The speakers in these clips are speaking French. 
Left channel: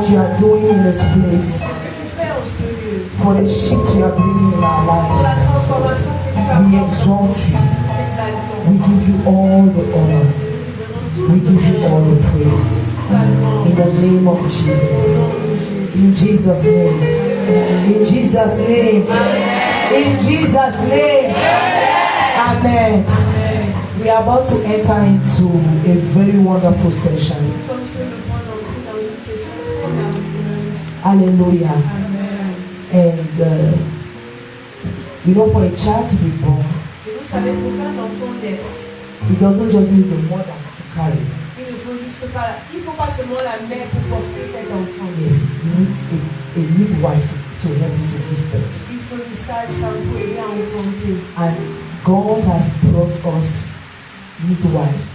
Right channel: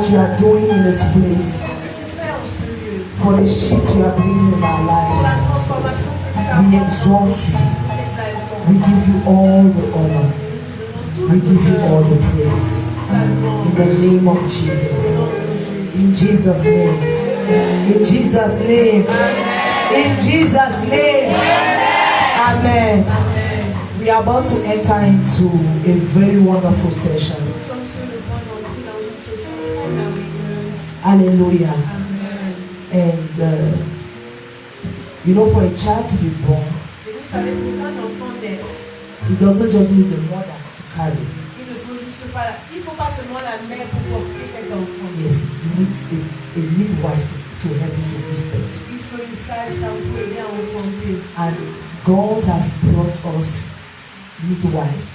what you are doing in this place, for the shift you are bringing in our lives. We exalt you. We give you all the honor. We give you all the praise. In the name of Jesus. In Jesus' name. In Jesus' name. In Jesus' name. Amen. We are about to enter into a very wonderful session. Hallelujah. And you know, for a child to be born, he doesn't just need the mother to carry. Yes, you need a midwife to help you to give birth. And God has brought us midwives.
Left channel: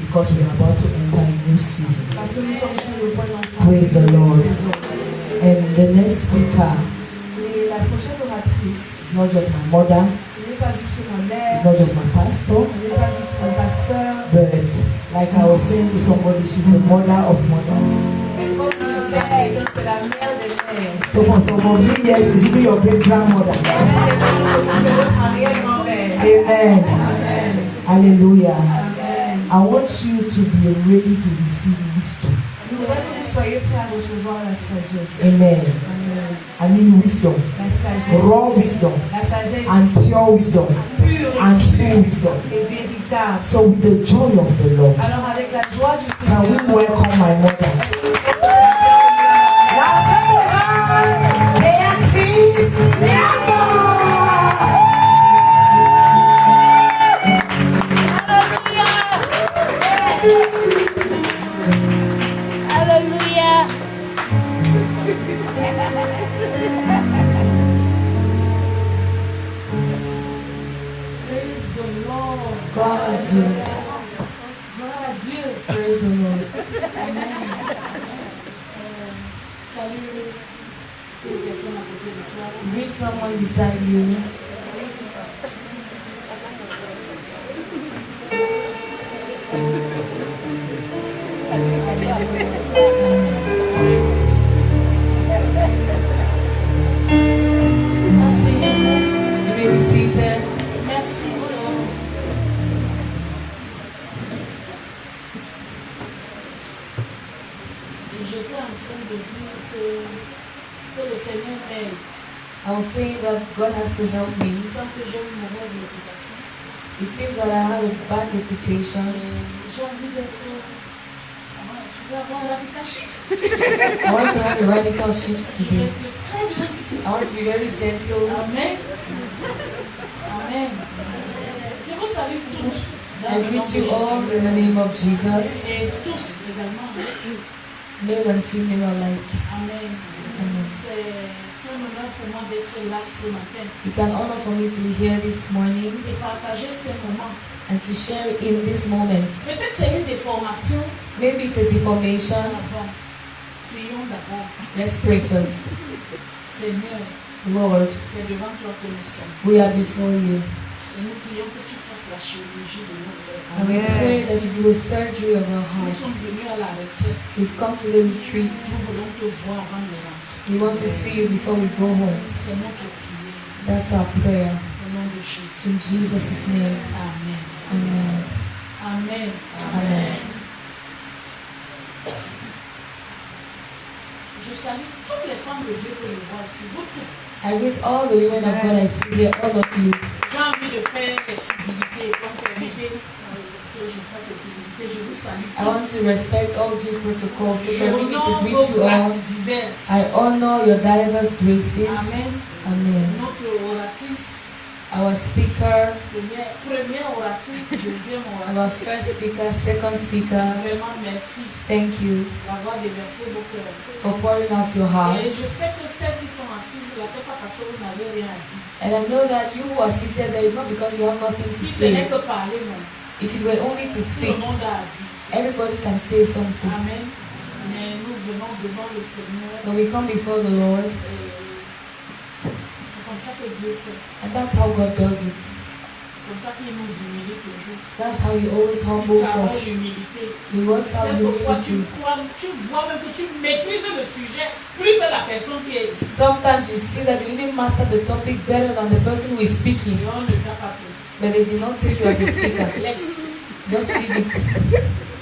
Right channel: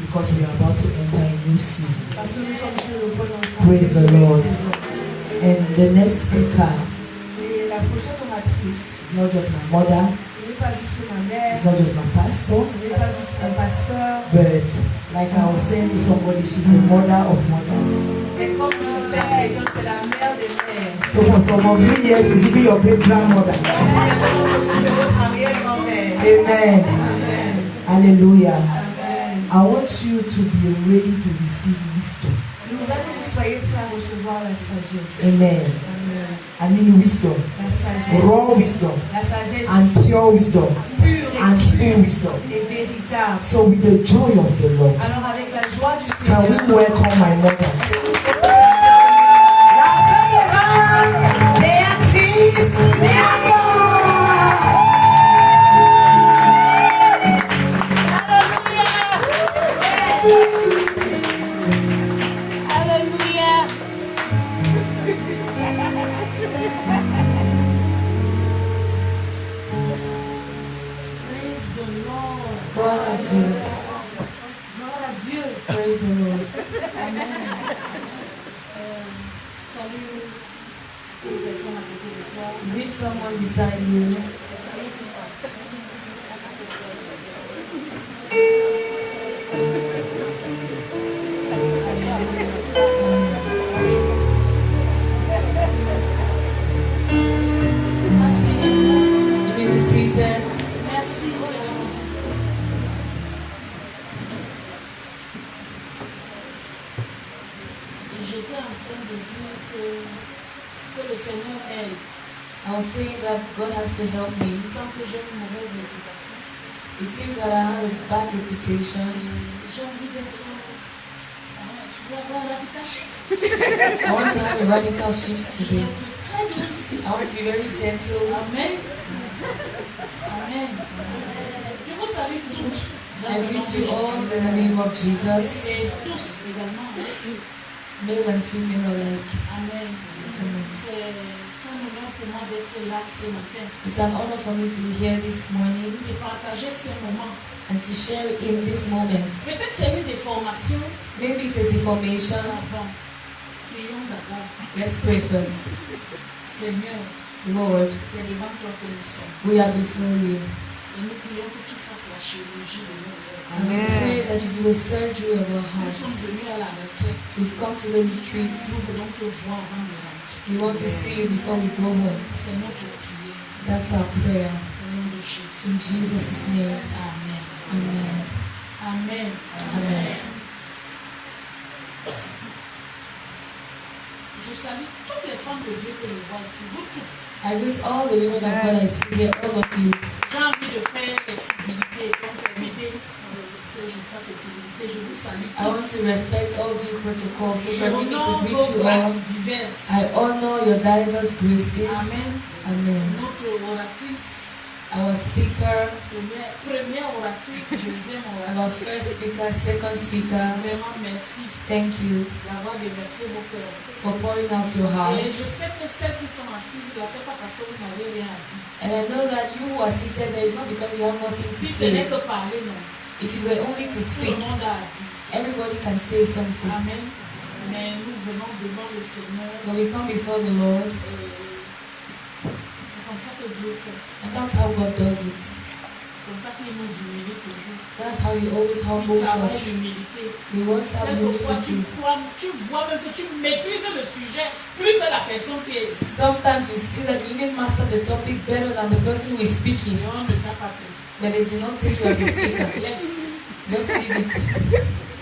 Because we are about to enter a new season. Praise the Lord. And the next speaker is not just my mother, it's not just my pastor, but like I was saying to somebody, she's the mother of mothers. So for some of you here, she's even your great grandmother. Amen. Hallelujah. Amen. I want you to be ready to receive wisdom. Amen. Amen. I mean wisdom. Raw wisdom. And pure wisdom. And true wisdom. So with the joy of the Lord, can we welcome my mother? Praise the Lord. Amen. Salut les personnes à côté de toi. Meet someone beside you. Merci. You may be seated. Merci. J'étais en train de dire que le Seigneur aide. I was saying that God has to help me. Il semble que j'ai une mauvaise réputation. It seems that I have a bad reputation. J'ai envie d'être. Je veux avoir un radical shift. I want to have a radical shift today. Très douce. I want to be very gentle. Amen. Amen. Je vous salue tous. I greet you all in the name of Jesus. Et tous également. Male and female alike. Amen. Amen. C'est un honneur pour moi d'être là ce matin. It's an honor for me to be here this morning Et partager ces moments. and to share in these moments. Peut-être c'est une déformation. Maybe it's a deformation. Bon, prions d'abord. Let's pray first. Seigneur, Lord, c'est devant toi que nous sommes. we are before you. Et nous prions que tu fasses la chirurgie de nos cœurs. And we pray that you do a surgery of our Nous sommes hearts. venus à la retraite. We've come to the retreat. Nous voulons te voir avant de rentrer. We want to see you before we go home. C'est notre prière. That's our prayer. Au nom de Jésus. In Jesus' name. Amen. Amen. Amen. Amen. Je salue toutes les femmes de Dieu que je vois ici. Vous toutes. I greet all the women of God I see here, all of you. J'ai envie de faire l'excibilité. Donc permettez que je fasse l'excibilité. Je vous salue I want to respect all due protocol, so Je permit me to honore greet vos you all. grâces diverses. I honor your diverse graces. Amen. Amen. Notre oratrice, Our speaker, première oratrice, deuxième our oratrice. first speaker, second speaker, Vraiment merci thank you d'avoir déversé vos cœurs. for pouring out your Et hearts. je sais que celles qui sont assises là, c'est pas parce que vous n'avez rien à dire. And I know that you who are seated there is not because you have nothing to Si ce n'est say. que parler, non. If it were only to Tout speak, le monde a dit. everybody can say something. Amen. Mais nous venons devant le Seigneur. But we come before the Lord, Et c'est comme ça que Dieu fait. and that's how God does it. Comme ça qu'il nous humilie toujours. That's how He always Il humbles travaille us. l'humilité. He works out Quelquefois, humility. tu vois même que tu maîtrises le sujet plus que la personne qui est ici. Sometimes you see that you even master the topic better than the person who is speaking, Et on ne t'a pas pris. but they did not take you as a speaker. Laisse. Just leave it.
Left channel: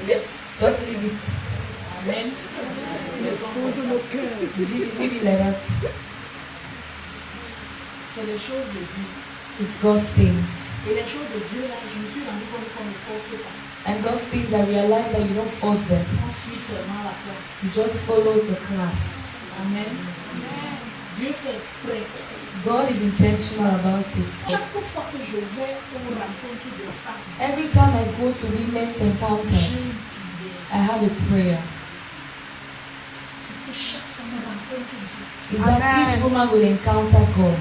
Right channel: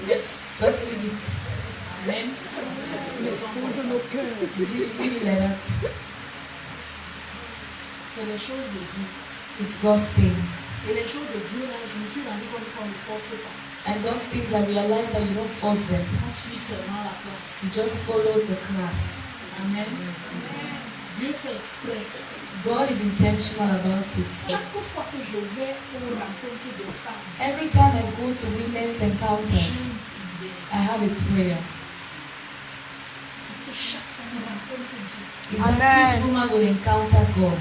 Laisse. Just leave it. Amen. Laissons comme ça. Leave it like that. C'est les choses de Dieu. It's God's things. Et les choses de Dieu, là, je me suis rendu compte qu'on ne force pas. And God's things, I realize that you don't force them. On suit seulement la classe. You just follow the class. Amen. Dieu fait exprès. God is intentional about it. Chaque fois que je vais aux rencontres de femmes, Every time I go to women's j'ai encounters, une prière. I have a prayer. C'est que chaque femme rencontre Dieu. Is that each woman will encounter God.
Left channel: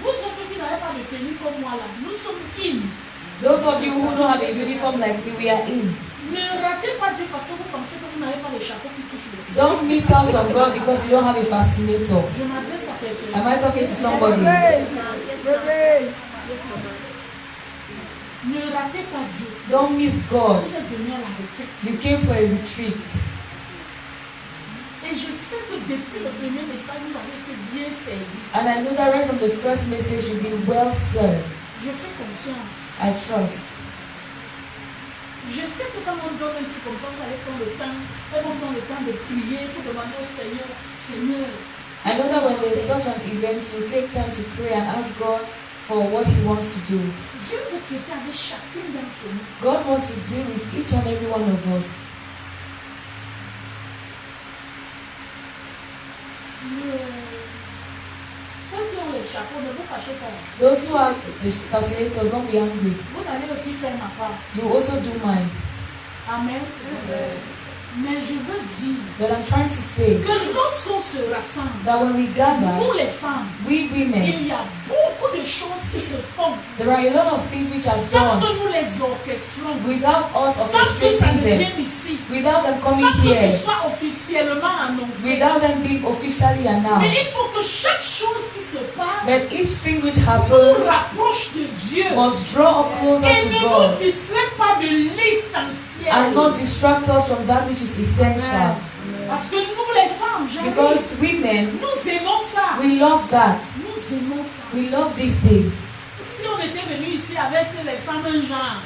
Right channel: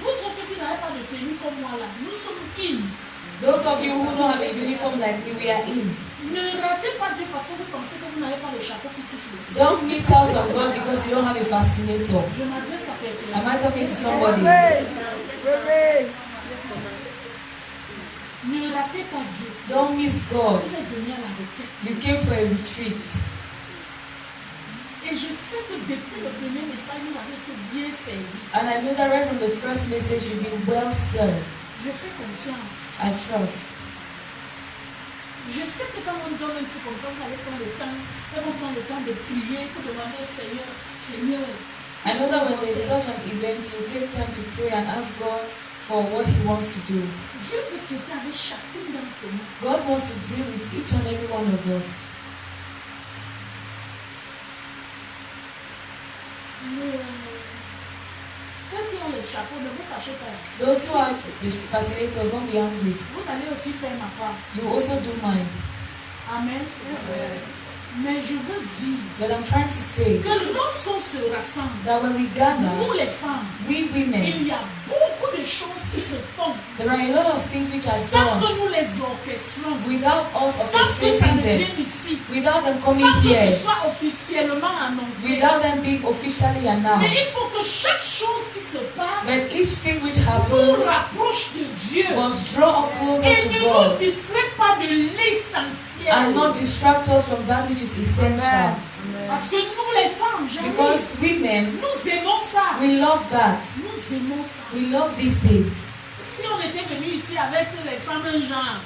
Vous autres qui n'avez pas de tenue comme moi là, nous sommes in. Those of you who don't have a uniform like me, we are in. Ne ratez pas Dieu parce que vous pensez que vous n'avez pas le chapeau qui touche le ciel. Don't miss out on God because you don't have a fascinator. Je m'adresse à quelqu'un. Am I talking to somebody? Ne ratez pas Dieu. Don't miss God. Vous êtes venus à la retraite. You came for a retreat. Et je sais que depuis le premier message, vous avez été bien servis. And I know that right from the first message, you've been well served. Je fais confiance. I trust. Je sais que quand on donne un truc comme ça, vous allez prendre le temps. Elles vont prendre le temps de prier pour demander au Seigneur, Seigneur. I know that when there's such an event, you take time to pray and ask God for what He wants to do. Dieu veut traiter avec chacune d'entre nous. God wants to deal with each and every one of us. Ceux qui ont les chapeaux, ne vous fâchez pas. Those who have the fascinators, don't be angry. Vous allez aussi faire ma part. You also do mine. Amen. Mais je veux dire But I'm trying to say que lorsqu'on se rassemble, that when we nous gather, les femmes, we women, il y a beaucoup de choses qui se font there are a lot of things which are sans que done nous les orchestrons, without us sans que ça orchestrating ne them, vienne ici, without them sans coming que here, ce soit officiellement annoncé. without them being officially Mais announced. il faut que chaque chose qui se passe But each thing which nous happens rapproche de Dieu must draw us closer et to ne nous God distrait pas de l'essentiel. and not distract us from that which is essential. Parce que nous les femmes, j'arrive, Because women, nous aimons ça. we love that. Nous aimons ça. We love these things. Si on était venu ici avec les femmes un genre,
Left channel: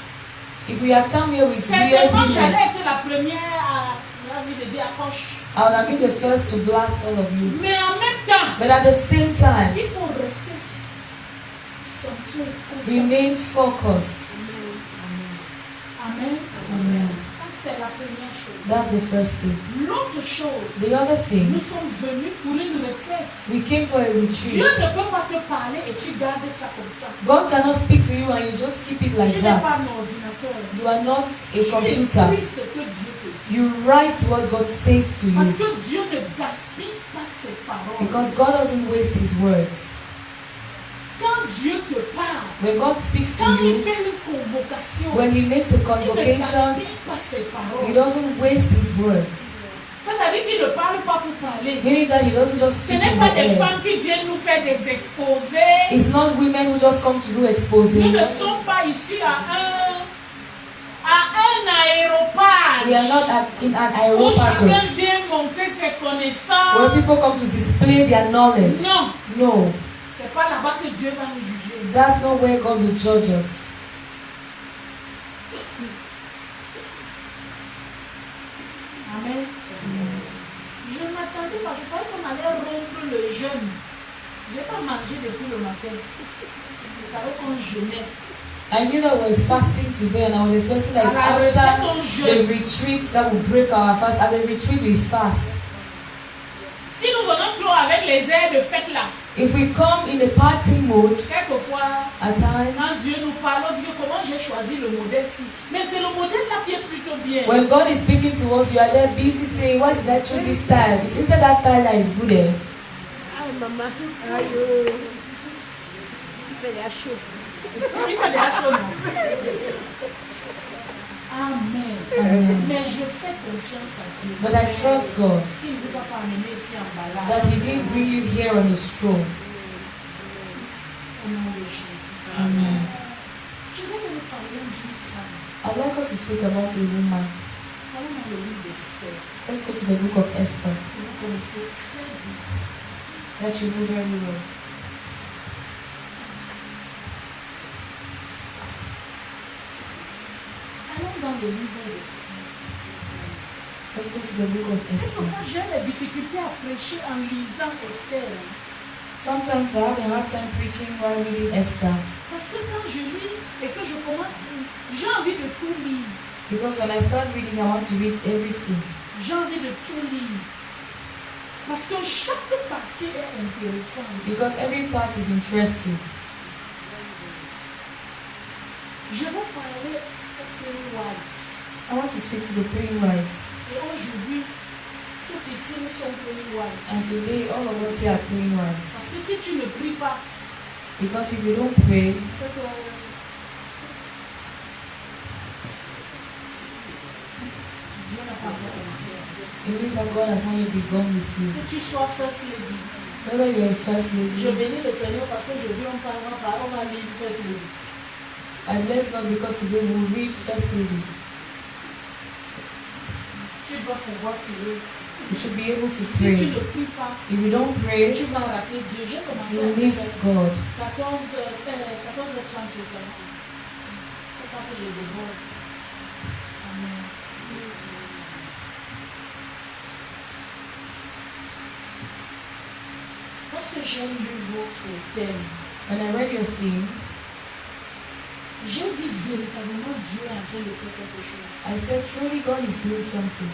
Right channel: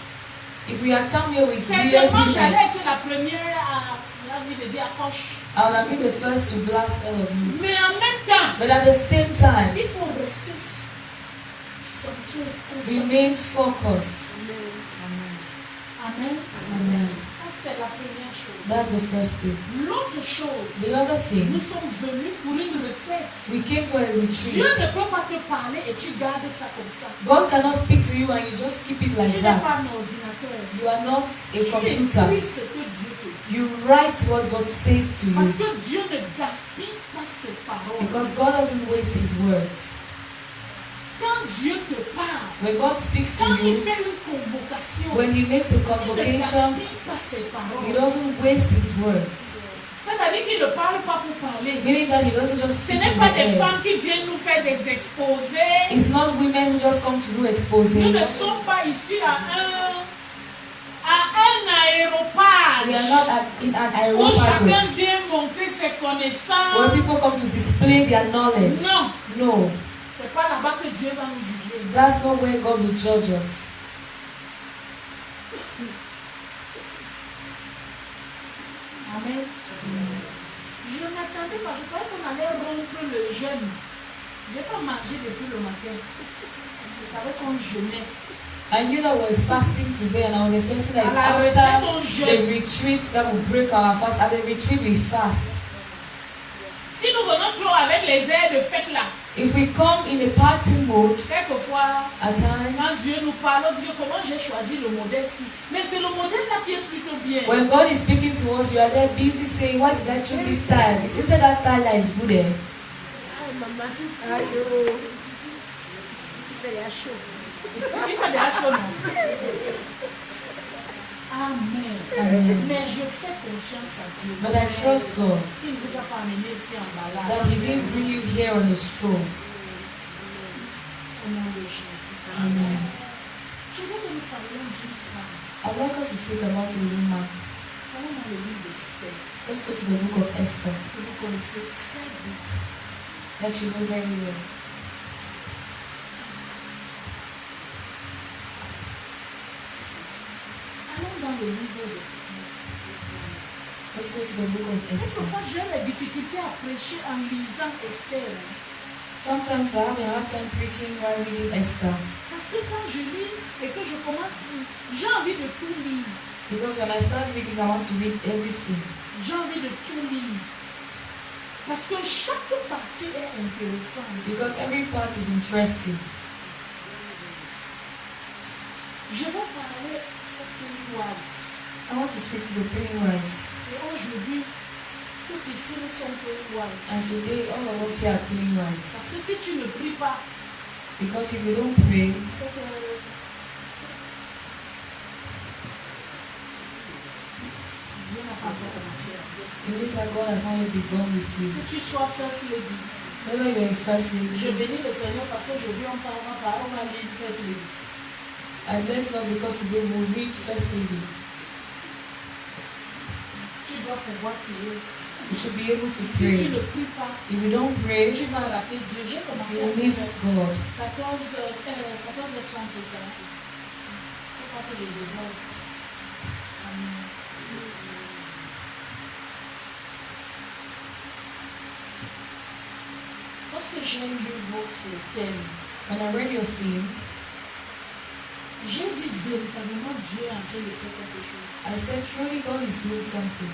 If we had come here with real certainement women, j'allais être la première à la vie de dire accroche. I would have been the first to blast all of you. Mais en même temps, But at the same time, il faut rester centré, concentré. remain focused. Amen. Amen. Ça, c'est la première chose. That's the first thing. L'autre chose, The other thing, nous sommes venus pour une retraite. we came for a Dieu retreat. ne peut pas te parler et tu gardes ça comme ça. God cannot speak to you and you just keep it like Tu n'es pas that. un ordinateur. You are not a Tu écris computer. ce que Dieu te dit. You write what God says to Parce you. que Dieu ne gaspille pas ses paroles. Because God doesn't waste His words. Quand Dieu te parle, When God speaks to quand il you, fait une convocation, when He makes a il ne convocation, gaspille pas ses He paroles. doesn't waste His words. C'est-à-dire qu'il ne parle pas pour parler. Meaning that He doesn't just Ce speak n'est in pas the des air. femmes qui viennent nous faire des exposés. It's not women who just come to do exposés. Nous ne sommes pas ici à un aéroport We are not in an où chacun aeropagus vient montrer ses where connaissances. people come to display their knowledge. Non, No, c'est pas là-bas que Dieu va nous juger. that's not where God will judge us. Amen. Je m'attendais pas, je croyais qu'on allait rompre le jeûne. Je n'ai pas mangé depuis le matin. Je savais qu'on jeûnait. I knew that we were fasting today, and I was expecting that it's À la retraite, on after jeûne. the retreat that will break our fast. At the retreat, we fast. Si nous venons trop avec les airs de fête là, If we come in a party mode, quelquefois, at times, quand Dieu nous parle, on dit comment j'ai choisi le modèle-ci. Mais c'est le modèle là qui est plutôt bien. when God is speaking to us, you are there busy saying, "Why did I choose this style? It's instead that style that is good." Eh? Il fait des hachos, non? Amen. Amen. Mais je fais confiance à Dieu. But I trust God Il ne vous a pas amené ici en that balade. He didn't bring you here on His throne. au nom de Jésus. Amen. Je voudrais que nous parlions d'une femme. I'd like us to speak about a woman. Allons dans le livre d'Esther. Let's go to the book of Esther. Que vous connaissez très bien. That you know very well. Allons dans le livre d'Esther. Let's go to the book of Esther. Quelquefois, j'ai la difficulté à prêcher en lisant Esther. Sometimes I have a hard time preaching while reading Esther. Parce que quand je lis et que je commence, j'ai envie de tout lire. Because when I start reading, I want to read everything. J'ai envie de tout lire. Parce que chaque partie est intéressante. Because every part is interesting. Je vais parler aux praying wives. I want to speak to the praying wives. Et aujourd'hui, toutes ici nous sommes praying wives. And today, all of us here are praying wives. Parce que si tu ne pries pas, Because if you don't pray, c'est que Dieu n'a pas encore commencé. it means that God has not yet begun with you. Que tu sois first lady. Whether you are a first Je lady, bénis le Seigneur parce qu'aujourd'hui on va lire first lady. I bless God because today we will read first lady. Tu dois pouvoir prier. You should be able to Si tu pray. ne pries pas, If you don't pray, tu vas rater Dieu. J'ai commencé you à will dire miss God. 14h30, c'est ça. Faut pas que je déborde. Amen. Lorsque j'ai lu votre thème, When I read your theme, j'ai dit véritablement Dieu est en train de faire quelque chose. I said truly God is doing something.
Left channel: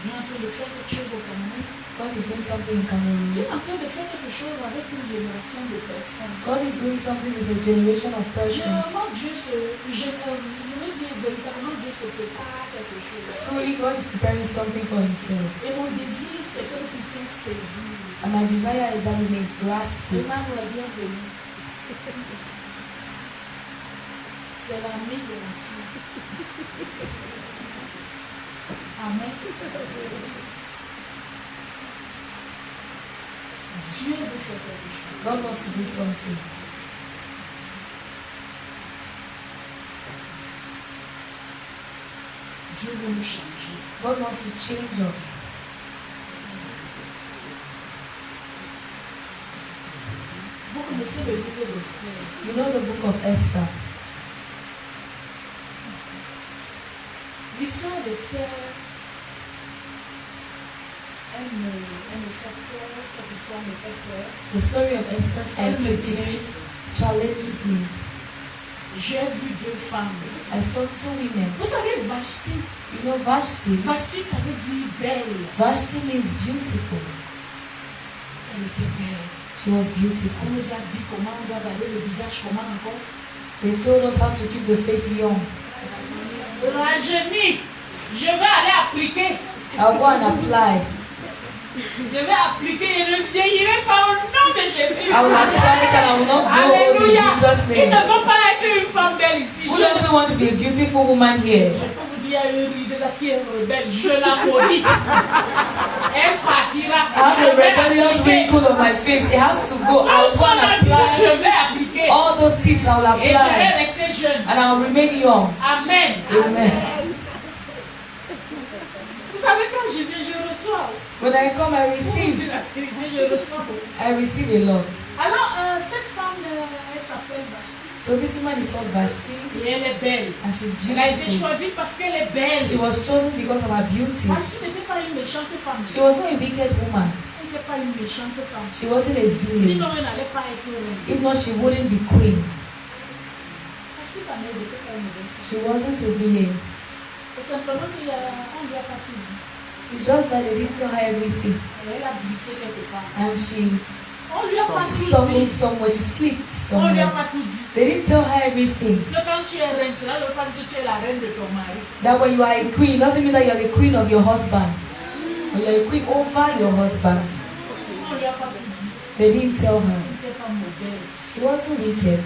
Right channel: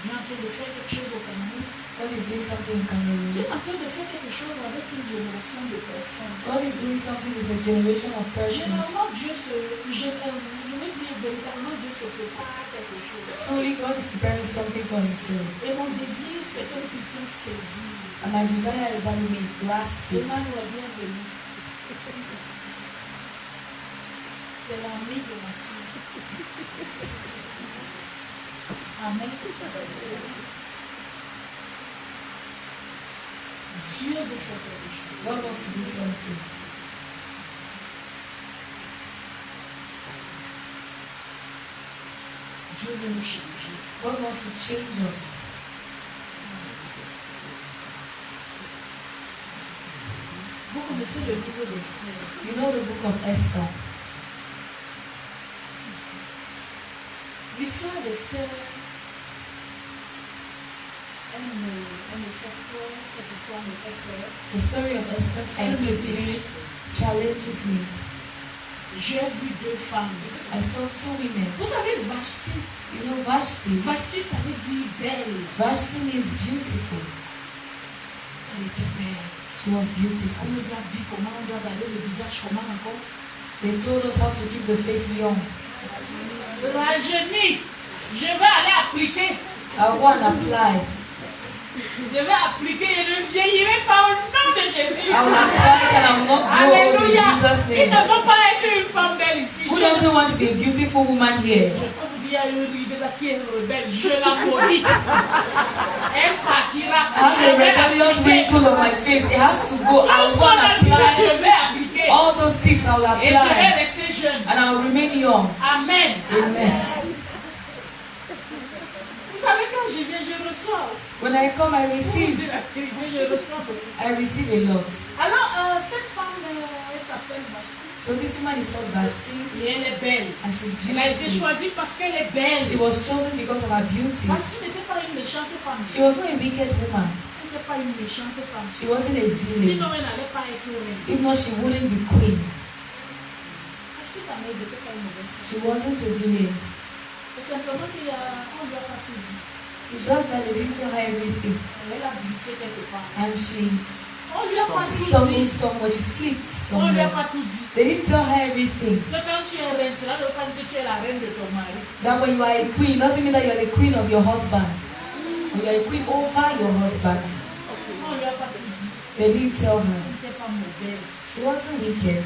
Dieu est en train de faire quelque chose au Cameroun. God is doing something in Dieu Cameroon. est en train de faire quelque chose avec une génération de personnes. God is doing something with a generation of persons. Généralement, je veux dire véritablement Dieu se prépare à quelque chose. Truly God is preparing something for himself. Et mon désir, c'est que nous puissions saisir. And my desire is that we may grasp it. Demande la bienvenue. C'est l'ami de ma fille. Amen. Dieu veut faire quelque chose. God wants to do something. Dieu veut nous changer. God wants to change us. Vous connaissez le livre d'Esther. You know the book of Esther. L'histoire d'Esther, elle me fait peur. Cette histoire me fait peur. The story of Esther Elle me frightens me, challenges me. J'ai vu deux femmes. I saw two women. Vous savez, Vashti. You know Vashti? Vashti, ça veut dire belle. Vashti means beautiful. Elle était belle. She was beautiful. On nous a dit comment on doit garder le visage, comment encore. They told us how to keep the face young. Rajeuni. Je vais aller appliquer. I'll go and apply. Je vais appliquer. Je ne vieillirai pas au nom de Jésus. I will apply it and I will not grow old in Alléluia. Jesus' Il ne name. faut pas être une femme belle ici. Who doesn't want to be a beautiful woman here? Je peux vous dire, une ride là qui est rebelle. Je la maudis. Elle partira. I have Je a vais rebellious appliquer. wrinkle on my face. It has to go. I'll Tout ce go qu'on and a dit, je apply vais appliquer. all those tips. I will Et je vais apply rester jeune. and I will remain young. Amen. Amen. Vous savez, quand je viens, je reçois. When I come, I Pour vous receive. dire la vérité, je reçois beaucoup. I receive a lot. Alors, cette femme, elle s'appelle Vashti. So this woman is called Vashti Et elle est belle. and she's Elle a été beautiful. choisie parce qu'elle est belle. She was chosen because of her beauty. Vashti n'était pas une méchante femme. She was not a wicked woman. Elle n'était pas une méchante femme. She wasn't a villain. Sinon, elle n'allait pas être reine. If not, she wouldn't be queen. Vashti, ta mère n'était pas une mauvaise She femme. wasn't a villain. C'est simplement qu'on ne lui a pas tout dit. It's just that they didn't tell her everything. Elle a glissé quelque part. And she On ne lui a pas tout stumbled dit. somewhere. She slipped On ne lui a somewhere. pas tout dit. They didn't tell her everything. Que quand tu es reine, cela ne veut pas dire que tu es la reine de ton mari. That when you are a queen, doesn't mean that you're the queen of your husband. Or you're a queen over your husband. On ne lui a pas tout dit. They didn't tell her. Elle n'était pas mauvaise. She wasn't wicked.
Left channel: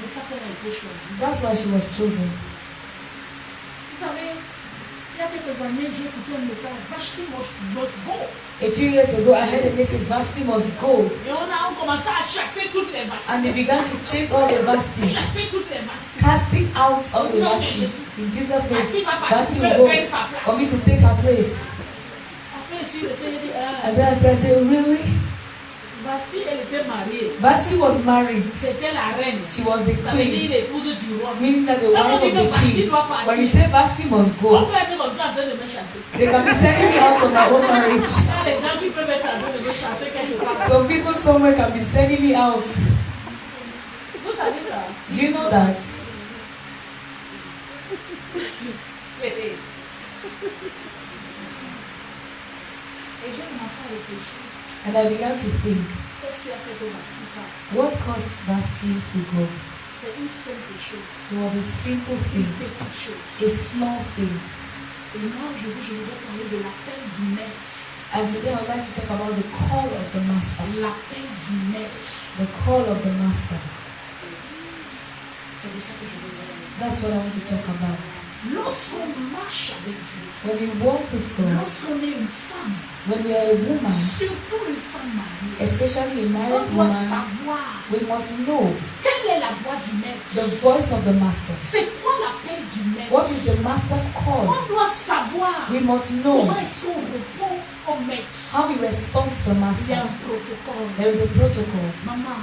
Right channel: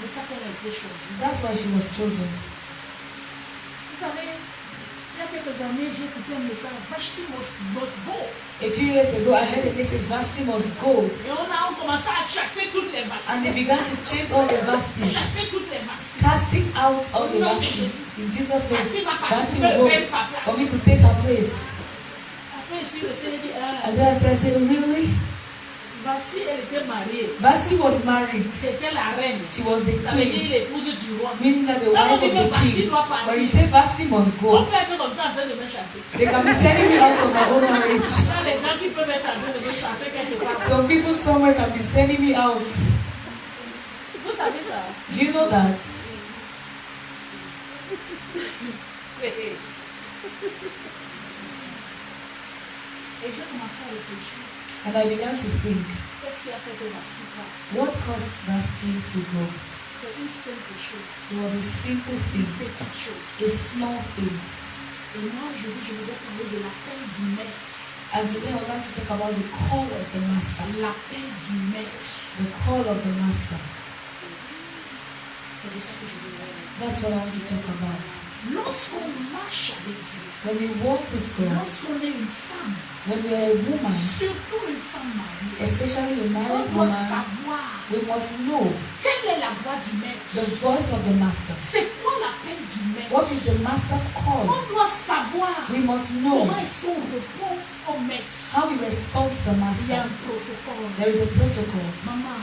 C'est ça qu'elle a été choisie. That's why she was chosen. Vous savez, il y a quelques années, j'ai écouté un message, Vashti must go. A few years ago, I heard a message, Vashti must go. Et on commençait à chasser toutes les Vashti. And they began to chase all the Vashti. Chasser toutes les Vashti. Casting out all the Vashti. In Jesus' name, Vashti will go for me to take her place. Après, je suis restée, j'ai dit, And then I said, really? Vashti, elle était mariée. Vashti was married. C'était la reine. She was the Ça veut dire queen. l'épouse du roi. Meaning that the wife of the king. When you say Vashti must On go, peut être comme ça en train de me chasser. they can be sending me out of my own marriage. Il y a les gens qui peuvent être en train de me chasser quelque part. Some people somewhere can be sending me out. Vous savez ça? Do you know that? Et j'ai commencé à réfléchir. And I began to think, Qu'est-ce qui a fait que Vashti part? what caused Vashti to go? C'est une simple chose. It was a simple Une thing, petite chose. a small thing. Et moi, je voudrais parler de l'appel du maître. And today I would like to talk about the call of the master. L'appel du maître. The call of the master. C'est de ça que je veux parler. That's what I want to talk about. Lorsqu'on marche avec Dieu, When we walk with God, lorsqu'on est une femme, when we are a woman, surtout une femme mariée, especially a on married doit woman, savoir we must know quelle est la voix du maître. the voice of the master. C'est quoi l'appel du maître? What is the master's call? On doit savoir We must comment know est-ce qu'on répond au maître. how we respond to the Il y a master. un protocole. There is a protocol. Maman,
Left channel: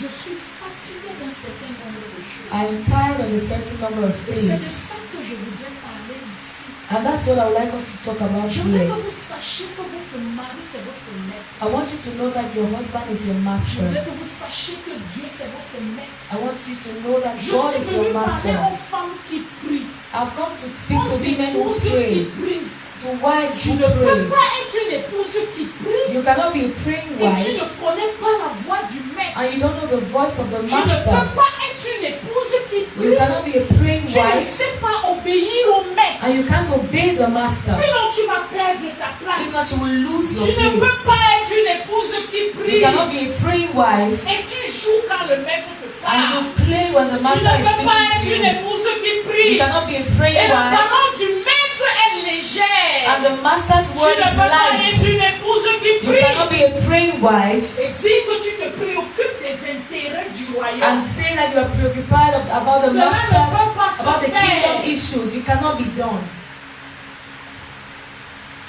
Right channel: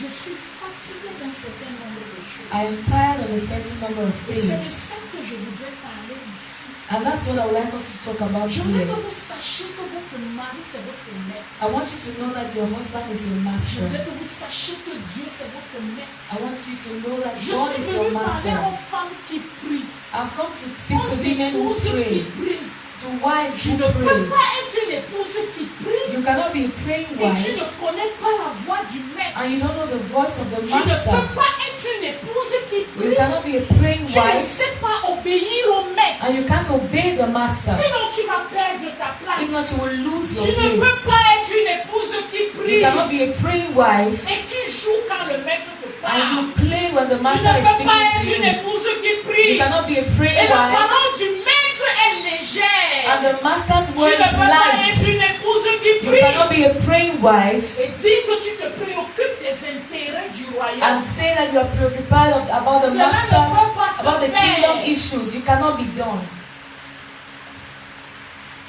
je suis fatiguée d'un certain nombre de choses. I am tired of a certain number of Et c'est de things. ça que je voudrais parler ici. And that's what I would like us to talk about Je voudrais here. que vous sachiez que votre mari, c'est votre maître. I want you to know that your husband is your Je master. voudrais que vous sachiez que Dieu, c'est votre maître. I want you to know that Je God suis is your venue parler master. aux femmes qui prient. I've come to speak to Aux women who épouses qui pray, prient. to wives Tu who ne peux pray. pas être une épouse qui prie You cannot be a praying et tu wife ne connais pas la voix du maître. and you don't know the voice of the Tu ne peux master. pas être une épouse qui You prie. cannot be a praying Tu ne wife sais pas obéir au maître. and you can't obey the master. Sinon, tu vas perdre ta If place. not, you will lose Tu your ne peux place. pas être une épouse qui You prie cannot be a praying wife et tu joues quand le maître te and parle. you play when the Tu ne master is peux pas speaking être to une you. épouse qui You prie. cannot be a Et praying la wife parole du maître est légère. and the master's Tu word ne is peux pas être light. une épouse qui You prie cannot be a praying wife et dire que tu te préoccupes des intérêts du royaume. and say that you are preoccupied about the Cela ne master's, peut pas se about the faire. kingdom issues. You cannot be done.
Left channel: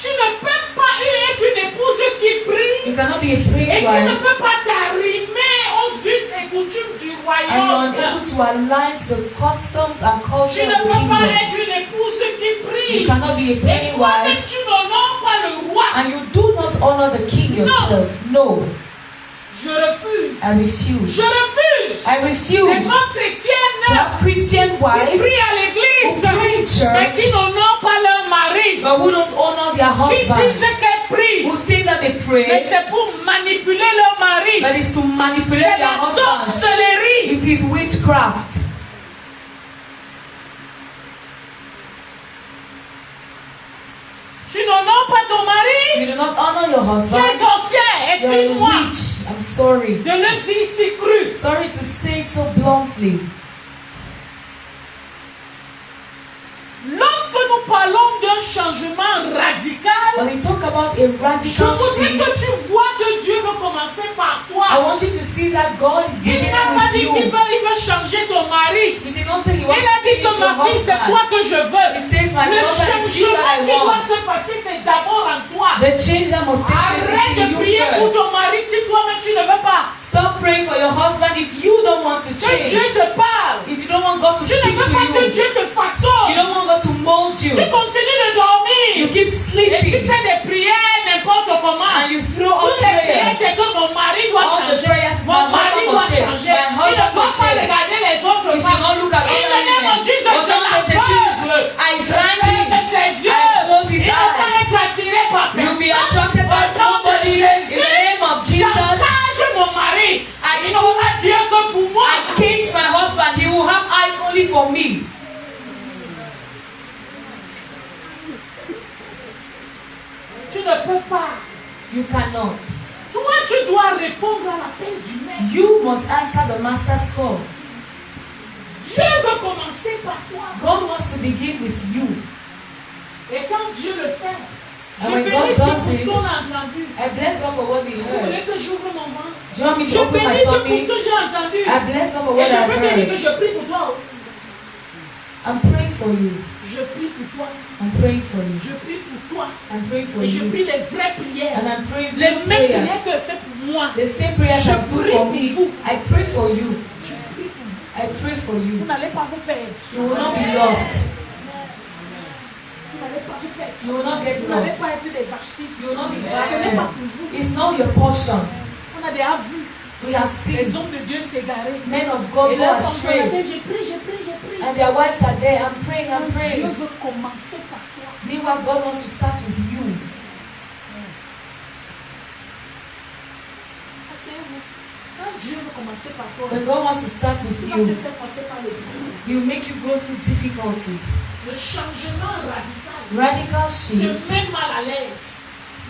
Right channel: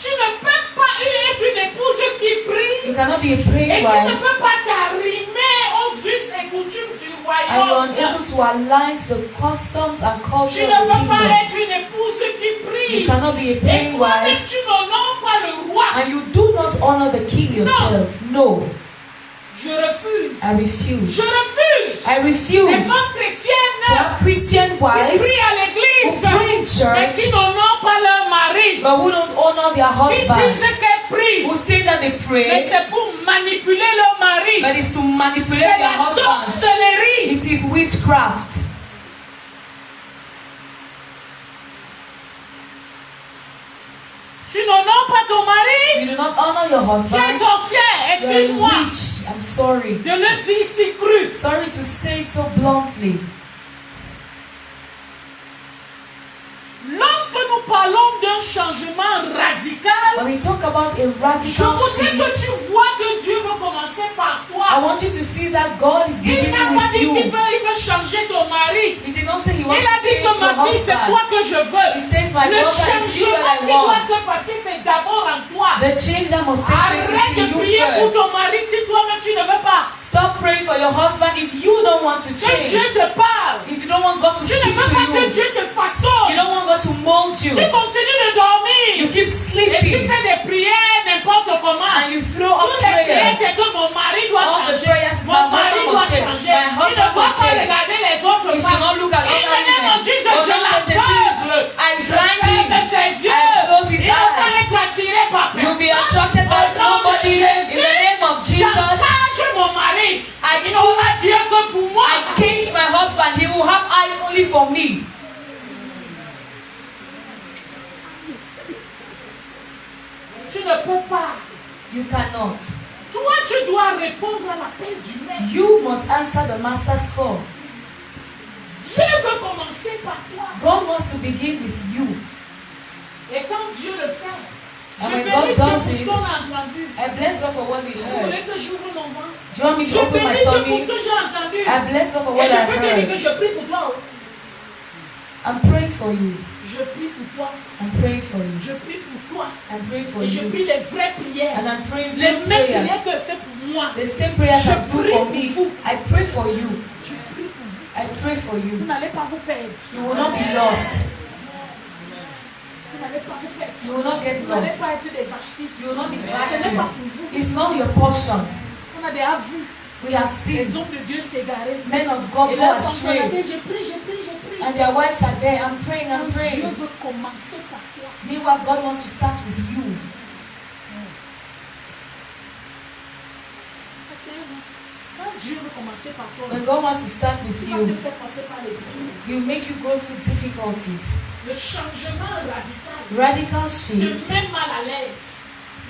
Tu ne peux pas être une épouse qui prie You cannot be a et praying tu ne wife peux pas t'arrimer aux us et coutumes du and royaume. you're unable to align to the customs and Tu culture ne of the peux pas kingdom. être une épouse qui You prie cannot be a et praying toi-même wife tu n'honores pas le roi. and you do not honor the king yourself. No, Je refuse. I refuse. Je refuse. I Les refuse femmes chrétiennes to have Christian qui wives prient à who l'église pray in mais church qui n'honorent pas leur mari. but who don't honor their Qui husbands, disent qu'elles prient, who say that they mais pray, c'est pour manipuler leur mari. but it's to manipulate C'est their la husbands. sorcellerie. It is witchcraft. Tu n'honores pas ton mari. You do not honor your Tu es husband. sorcière, You're a excuse-moi witch. I'm sorry. de le dire si cru. Sorry to say it so bluntly. Lorsque nous parlons d'un changement radical, When we talk about a je radical voudrais shift, que tu vois que Dieu veut commencer par I toi. want you to see that God is Il beginning n'a pas with dit you. qu'il veut changer ton mari. He did not say he Il wants a to dit change que ma your fille, c'est husband. toi que je veux. He says, my Le daughter, it's you changement that I qui doit want. se passer, c'est d'abord en toi. The change that must take place Arrête is de in you prier pour first. ton mari si toi-même tu ne veux pas. Stop praying for your husband if you don't want to Que Dieu change. te parle. If you don't want God to Tu ne speak veux pas to que you. Dieu te You façonne. don't want God to mold you. Tu continues de You dormir. keep Et tu sleeping. fais des prières n'importe comment. And you throw up Toutes les prières, prayers. c'est que mon mari doit All the changer. prayers, Mon my mari husband doit must change. changer. My Il ne husband doit must pas change. regarder les autres You should not femmes. look at In the name of Jesus, Oh, je don't touch l'aveugle. I Je blind ferme him. ses I yeux. close his Il ne va pas eyes. être attiré par You'll be personne. attracted by Au nom de nobody. In Jésus, the name of Jesus, j'engage mon mari. I Il n'aura Dieu que pour moi. I cage my husband. He will have eyes only for me. Tu ne peux pas. You cannot. Toi, tu dois répondre à l'appel du maître. You must answer the master's call. Dieu veut commencer par toi. God wants to begin with you. Et quand Dieu le fait, je when bénis God Dieu does pour ce it, qu'on a entendu. I bless God for what we Vous heard. voulez que j'ouvre mon ventre? Do you want me Je to open my bénis Dieu pour ce tummy? que j'ai entendu. I bless God for Et what je I peux te dire que heard. je prie pour toi. I'm praying for you. Je prie pour toi. I'm praying for you. Je prie pour toi. I'm praying for Et je you. prie les vraies prières. And I'm praying Les good mêmes prayers. prières que fait pour moi. The same prayers Je I do prie for pour me. vous. I pray for you. Je prie pour vous. I pray for Vous you. n'allez pas vous perdre. You will not be lost. Vous n'allez pas vous perdre. You will not get Vous n'allez lost. pas être des vachetistes. You will not be Ce n'est pas pour vasted. vous. It's not your portion. On a déjà vu We have les seen hommes de Dieu s'égarer. men of God Et go là, on se astray. rappelle, je prie, je prie, je prie. And their wives are there. I'm praying, I'm Quand Dieu praying. veut commencer par toi, Meanwhile, God wants to start with you. asseyez-vous. Quand Dieu veut commencer par toi, When God wants to start with il va te you, faire passer par les difficultés. He will make you go through difficulties. Le changement radical Radical te shift met mal à l'aise.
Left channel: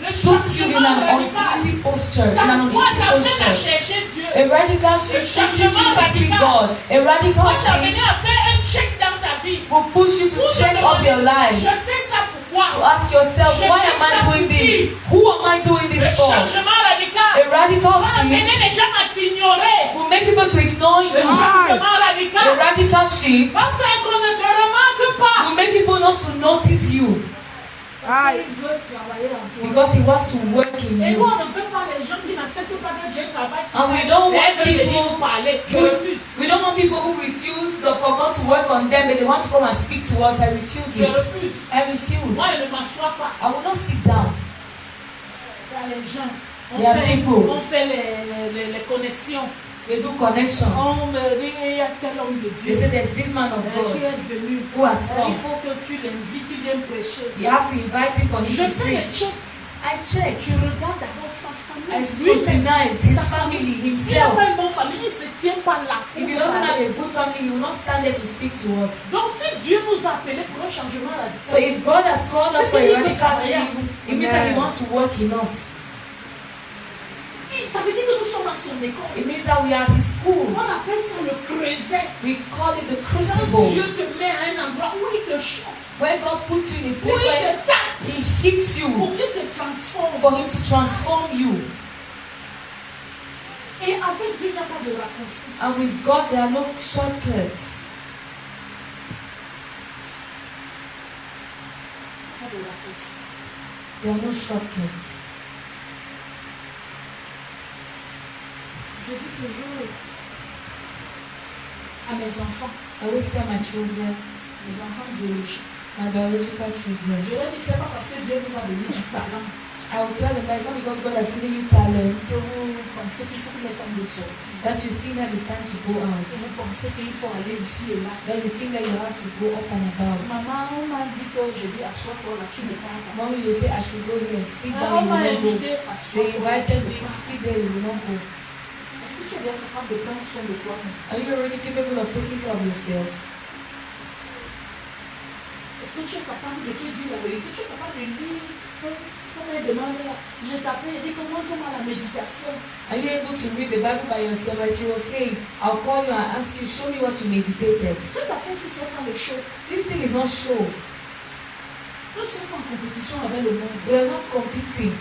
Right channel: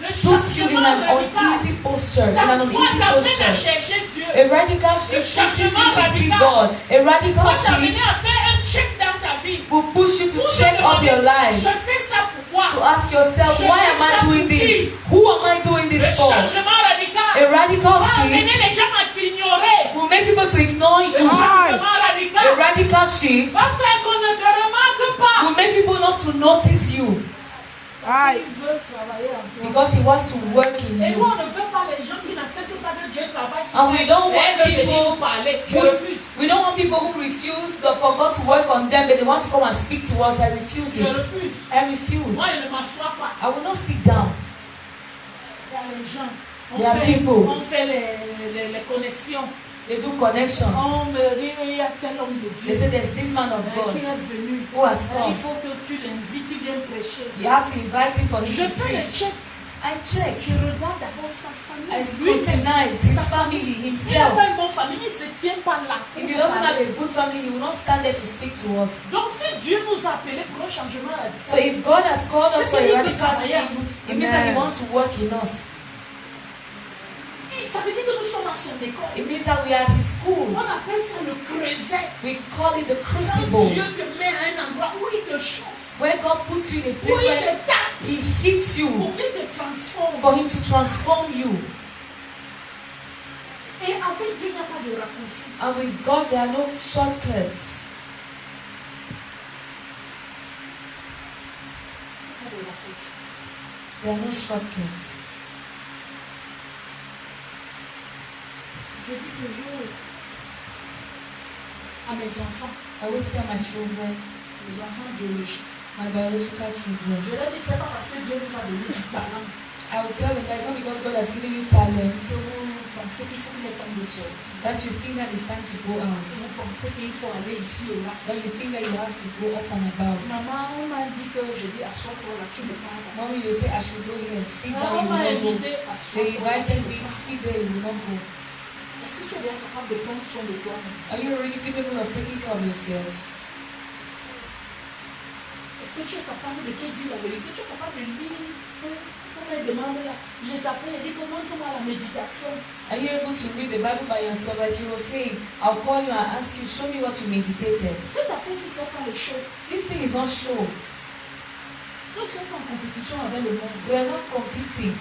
Le puts you in changement an radical. uneasy posture. In an Parfois, uneasy t'amène à posture. chercher Dieu. A radical shift pushes you to see God. A radical Toi, t'amener shift à faire un check dans ta vie. will push you to Pour te check up demander, your life. je fais ça pourquoi? To ask yourself, Je why fais am ça I doing pour this? qui? Who am I doing Le this for? changement radical A radical va amener shift les gens à t'ignorer. will make people to ignore Le you. changement A radical radical shift va faire qu'on ne te remarque pas. will make people not to notice you Parce qu'il veut travailler en toi. because He wants to work in Et nous, you. on ne veut pas les gens qui n'acceptent pas que Dieu travaille sur And we don't want eux. Elles veulent venir people nous parler. Je refuse. We don't want people who refuse for God to work on them, but they want to come and speak to us. I refuse Je it. refuse. I refuse. Moi, je ne m'assois pas. I will not sit down. Il y a les gens. There are people. On fait les connexions. They do connections. On me dit, il y a tel homme de They Dieu say there's this man of qui God est venu. who has Il come. faut que tu l'invites, il vient prêcher. You have to invite him for him Je to fais les preach. checks. I check. Je regarde d'abord sa famille. I scrutinize his family, S'il n'a himself. pas une bonne famille, il ne se tient pas là. If he doesn't have a good family, he will not stand there to speak to us. Donc si Dieu nous a appelés pour un changement So radical, if God has called us for a radical shift, it means that He wants to work in us. ça veut dire que nous sommes à son école. It means that we are at His school. On appelle ça le creuset. We call it the Quand crucible. Dieu te met à un endroit où il te chauffe, When God puts you in a où place il where te tape, He hits you pour qu'il te transforme. for Him to transform you. Et avec Dieu, il n'y a pas de raccourci. And with God, there are no shortcuts. Pas de raccourci. There are no shortcuts. Je dis toujours à mes enfants, I always tell my children, mes enfants biologiques, my biological children, je leur dis, c'est pas parce que Dieu vous a donné du talent I will tell them that it's not because God has given you talent que vous pensez qu'il faut qu'il est temps de sortir. that you think that it's time to go out. Vous pensez qu'il faut aller ici et là. That you think that you have to go up and about. Maman, on m'a dit que je dis assois-toi là, tu ne parles pas. Mommy, you say I should go here and sit down, On you will m'a not go. invité à They asseoir-toi là, tu invited ne me, parles pas. sit there, you will not go. Est-ce que tu es bien capable de prendre soin de toi? Are you already capable of taking care of yourself? Est-ce que tu es capable de te dire la vérité? Tu es capable de lire? Comme elle demande là, je t'appelle et dit comment tu as la méditation? Are you able to read the Bible by yourself? Like she was saying, I'll call you and ask you, show me what you meditated. Cette affaire, si ce n'est pas le show, This thing is not show. nous ne sommes pas en compétition avec le monde. We are not competing.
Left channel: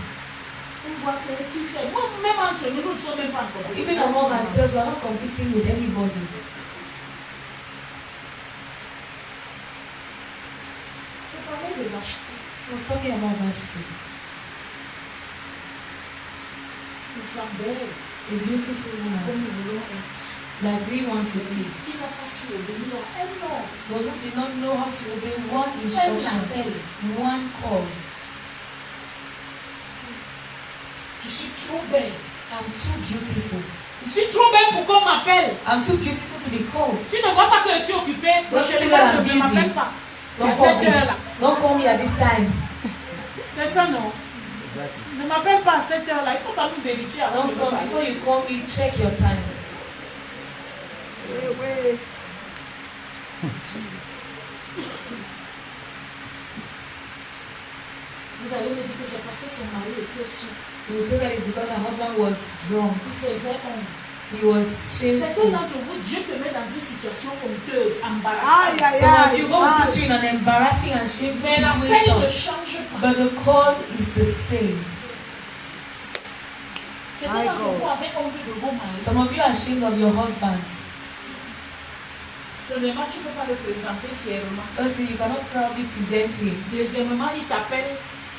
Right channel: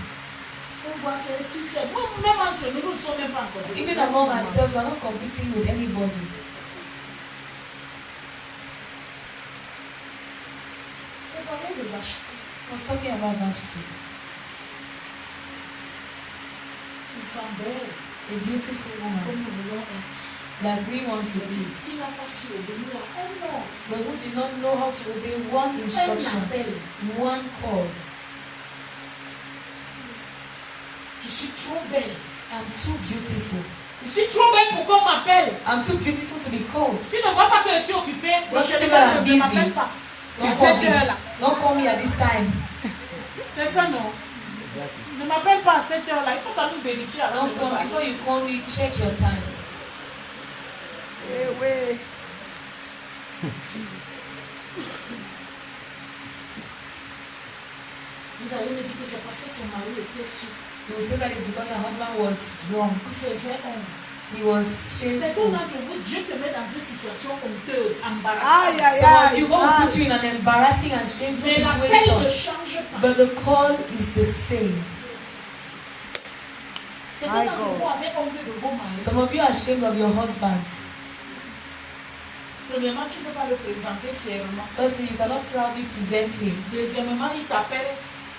On voit qui fait. Moi, même entre nous, nous ne sommes même pas en compétition. Even among ourselves, we are not competing with anybody. On parlait de lâcheté. I was talking about Vashti, Une femme belle, a beautiful woman comme nous voulons être. that we want to be. Qui n'a pas su obéir à un homme. But who did not know how to obey one Un instruction, appel. one call. Je suis trop belle. I'm too beautiful. Je suis trop belle pour qu'on m'appelle. I'm too beautiful to be called. Tu ne vois pas que je suis occupée. Don't Je say ne that I'm busy. m'appelle pas. À Don't call cette heure-là. me. Don't call me at this time. C'est ça, non? Ne m'appelle pas à cette heure-là. Il faut quand même vérifier avant Don't de me call parler. before you call me. Check your time. Vous allez me dire que c'est parce que son mari était sous. You will say that it's because her husband was drunk. Il faisait honte. He was Certains shameful. d'entre vous, Dieu te met dans une situation honteuse, embarrassante. Some of you going to put you in an embarrassing and shameful Mais l'appel ne situation. change pas. But the call is the same. Certains d'entre vous avez honte de vos maris. Some of you are ashamed of your husbands. Premièrement, tu ne peux pas le présenter fièrement. Firstly, you cannot proudly present him. Deuxièmement, il t'appelle.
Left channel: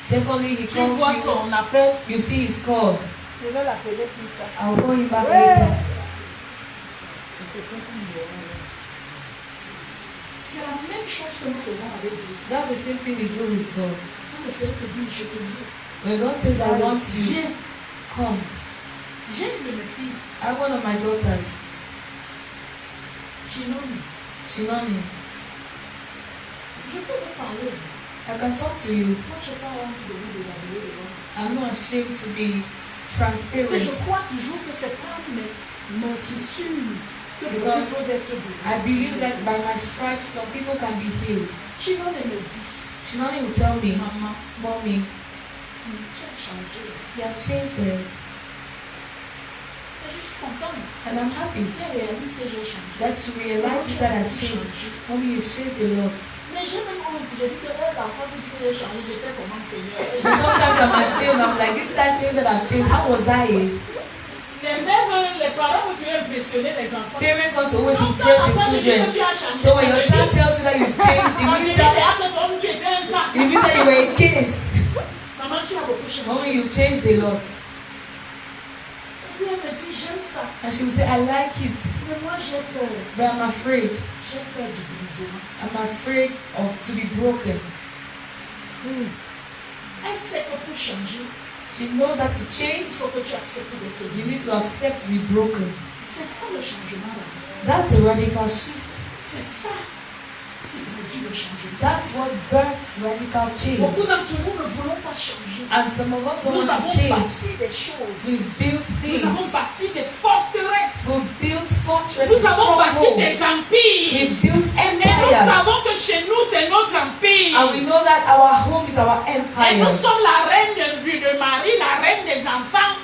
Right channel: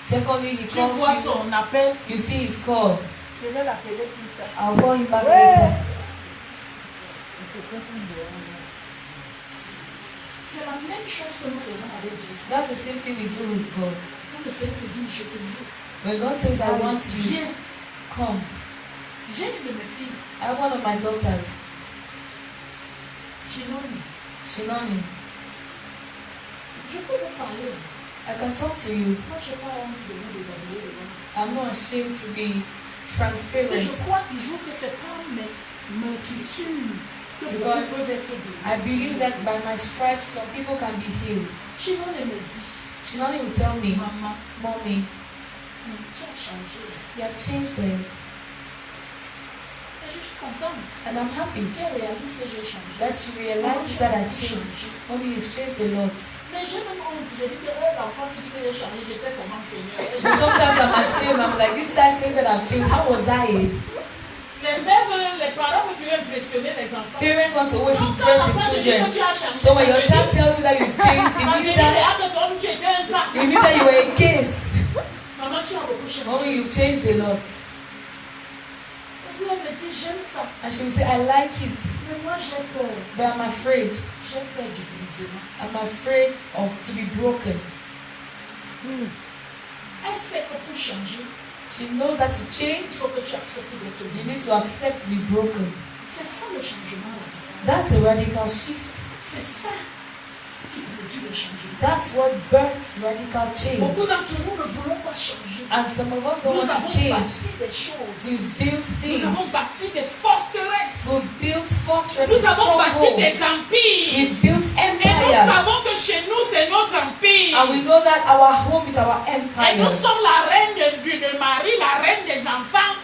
Secondly, he Tu vois calls you. son appel. You see his call. Je vais l'appeler plus tard. I'll call him back later. C'est la même chose que nous faisons avec Dieu. That's the same thing we do with God. Quand le Seigneur te dit, je te veux. When God says, I want you, Viens. come. J'ai une de mes filles, I have one of my daughters, Chinoni. Shimani. Je peux vous parler. I can talk to you. Moi, je n'ai pas envie de vous déshabiller devant. I'm not ashamed to be Parce que je transparent. crois toujours que c'est pas mes tissures que beaucoup peuvent être guéris. I believe that by my stripes, some people can be healed. Chinoni me dit, Shimani will tell me, maman, Mommy, tu as changé. you have changed there. Et je suis contente And I'm happy qu'elle réalise que j'ai changé. that you realize that I changed. Mommy, you've changed a lot. Mais j'ai même honte. J'ai dit que l'enfant s'est dit que j'ai changé. J'étais comment Seigneur. But sometimes I'm ashamed. I'm like, this child saying that I've changed. How was I? Les parents vont toujours impressionner les enfants. Parents want to always Quand impress l'enfant the te dit que children. tu as changé, So when ça your veut child dire- tells you that you've changed, it Quand means tu dis that que tu étais un tas. it means that you were a case. Maman, tu as beaucoup changé. Mommy, you've changed a lot. Et puis elle me dit, j'aime ça. And she will say, I like it, Mais moi, j'ai peur. but I'm afraid. J'ai peur du brisement. I'm afraid of to be broken. Elle sait que pour changer, She knows that to il change, faut que tu acceptes d'être you brisé. need to accept to be broken. C'est ça le changement radical. That's a radical shift. C'est ça qui produit le changement. That's what births radical change. Beaucoup d'entre nous ne voulons pas changer. And some of us don't Nous want to avons change. bâti des choses. We've built Nous things. avons bâti des forteresses. We've built fortresses, Nous avons bâti strongholds. des empires. We've built Et nous empires. savons que chez nous, c'est notre empire. And we know that our home is our Et empire. nous sommes la reine de Marie, la reine des enfants.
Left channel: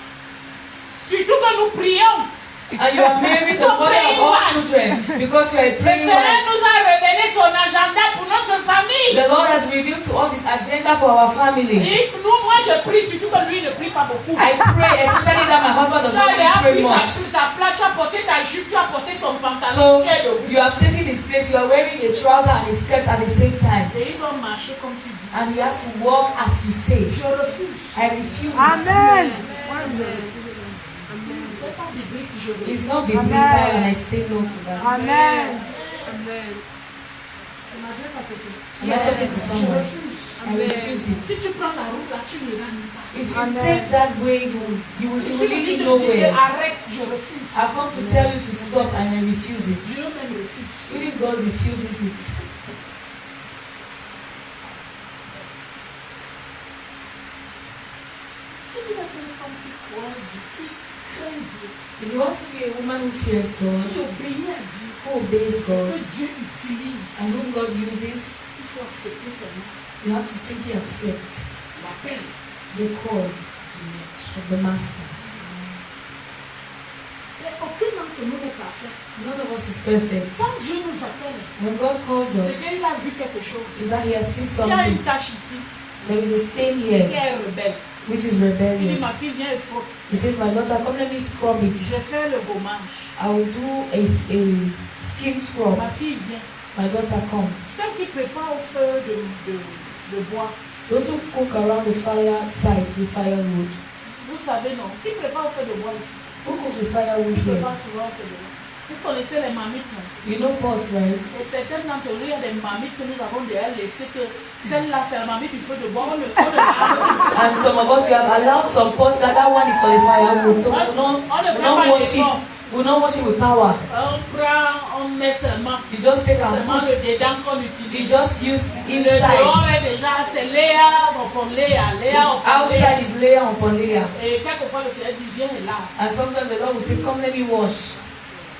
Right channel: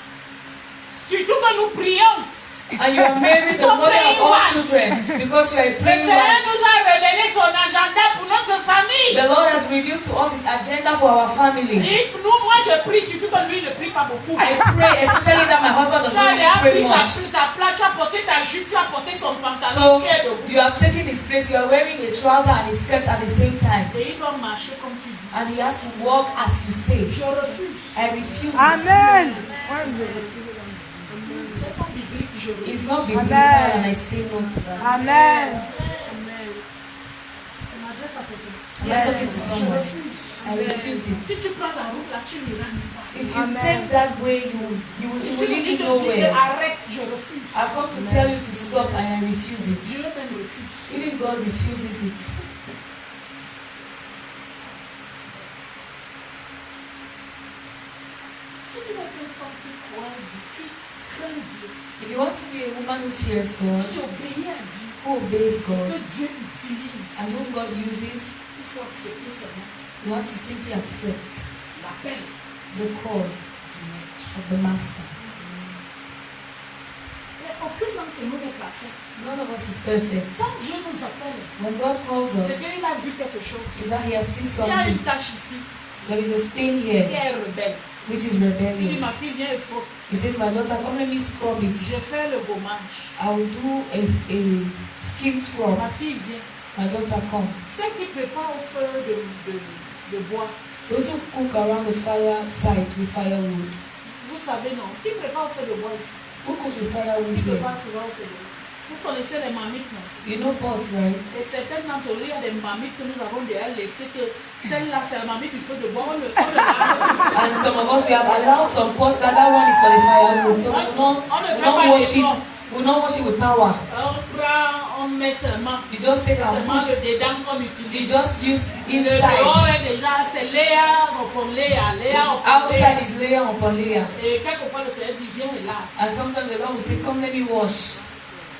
Surtout que nous prions. And you are Mary, the mother of all children, because you are a Le praying Seigneur wife. nous a révélé son agenda pour notre famille. The Lord has revealed to us His agenda for our family. Et nous, moi, je prie, surtout que lui ne prie pas beaucoup. I pray, especially that my husband does Tu not as really pray pris much. ta place, tu as porté ta jupe, tu as porté son pantalon, So tu es debout. you have taken his place. You are wearing a trouser and a skirt at the same time, Et il doit marcher comme tu dis. and he has to walk as you say. Je refuse. I refuse it. Amen. C'est pas biblique, je refuse. It's not biblical, and I say no to that. Amen. Je m'adresse à quelqu'un. Am I talking to Je someone? refuse. I refuse it. Si tu prends la route là, tu n'iras nulle part. If you take that way, you will Je suis venu really te dire, nowhere. arrête, je refuse. I've come to tell you to stop, and I refuse it. Dieu même refuse. Even God refuses it. Si tu veux être une femme qui croit Dieu, qui craint Dieu, If you want to be a woman who fears God, qui obéit à Dieu, who obeys que God, Dieu utilise, and whom God uses, il faut accepter seulement you have to simply accept l'appel the call du maître. of the Master. Mais aucun d'entre nous n'est parfait. None of us is perfect. Quand Dieu nous appelle, When God calls c'est us, qu'il a vu quelque chose. is that He has seen Il y a une something. tâche ici There is a stain qui here, est rebelle. which is Il dit, rebellious. ma fille, viens et frotte. He says, my daughter, come let me scrub it. Je fais le gommage. I will do a skin scrub. Ma fille vient. My daughter, come. Celle qui prépare au feu de bois, Those who cook around the fireside with firewood. vous savez non, qui prépare au feu de bois ici? Who cooks with firewood Qui here? prépare souvent au feu de bois? Vous connaissez les marmites, non? You know pots, right? Et certaines d'entre nous, il y a des marmites que nous avons déjà laissées que celle-là, c'est la marmite du feu de bois, on le lave. And some of us, we have allowed some pots that one is for the firewood. So we don't wash it. We don't wash it with power. On prend, on met seulement. You just take our Seulement pot. le dedans qu'on You utilise. just use Le dehors inside. est déjà, c'est Léa, upon Léa, Léa, upon Léa. Outside is layer upon layer. Et quelquefois, le Seigneur dit, viens et lave. And sometimes the Lord will say, come let me wash.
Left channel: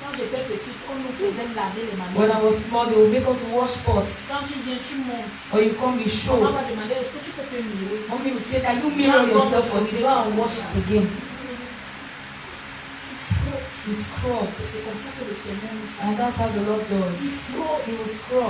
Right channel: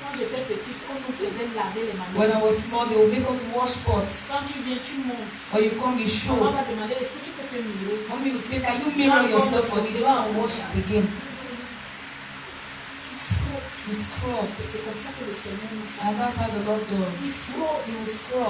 Quand j'étais petite, on nous faisait laver les When I marmites. was small, they would make us wash pots. Quand tu viens, tu montes. Or you come, you Maman show. va demander, est-ce que tu peux te mirer? Mommy will say, can you mirror yourself for me? Go and wash it again. Tu frottes, to scrub. Et c'est comme ça que le Seigneur nous fait. And that's how the Lord Il does. frôle. He will scrub.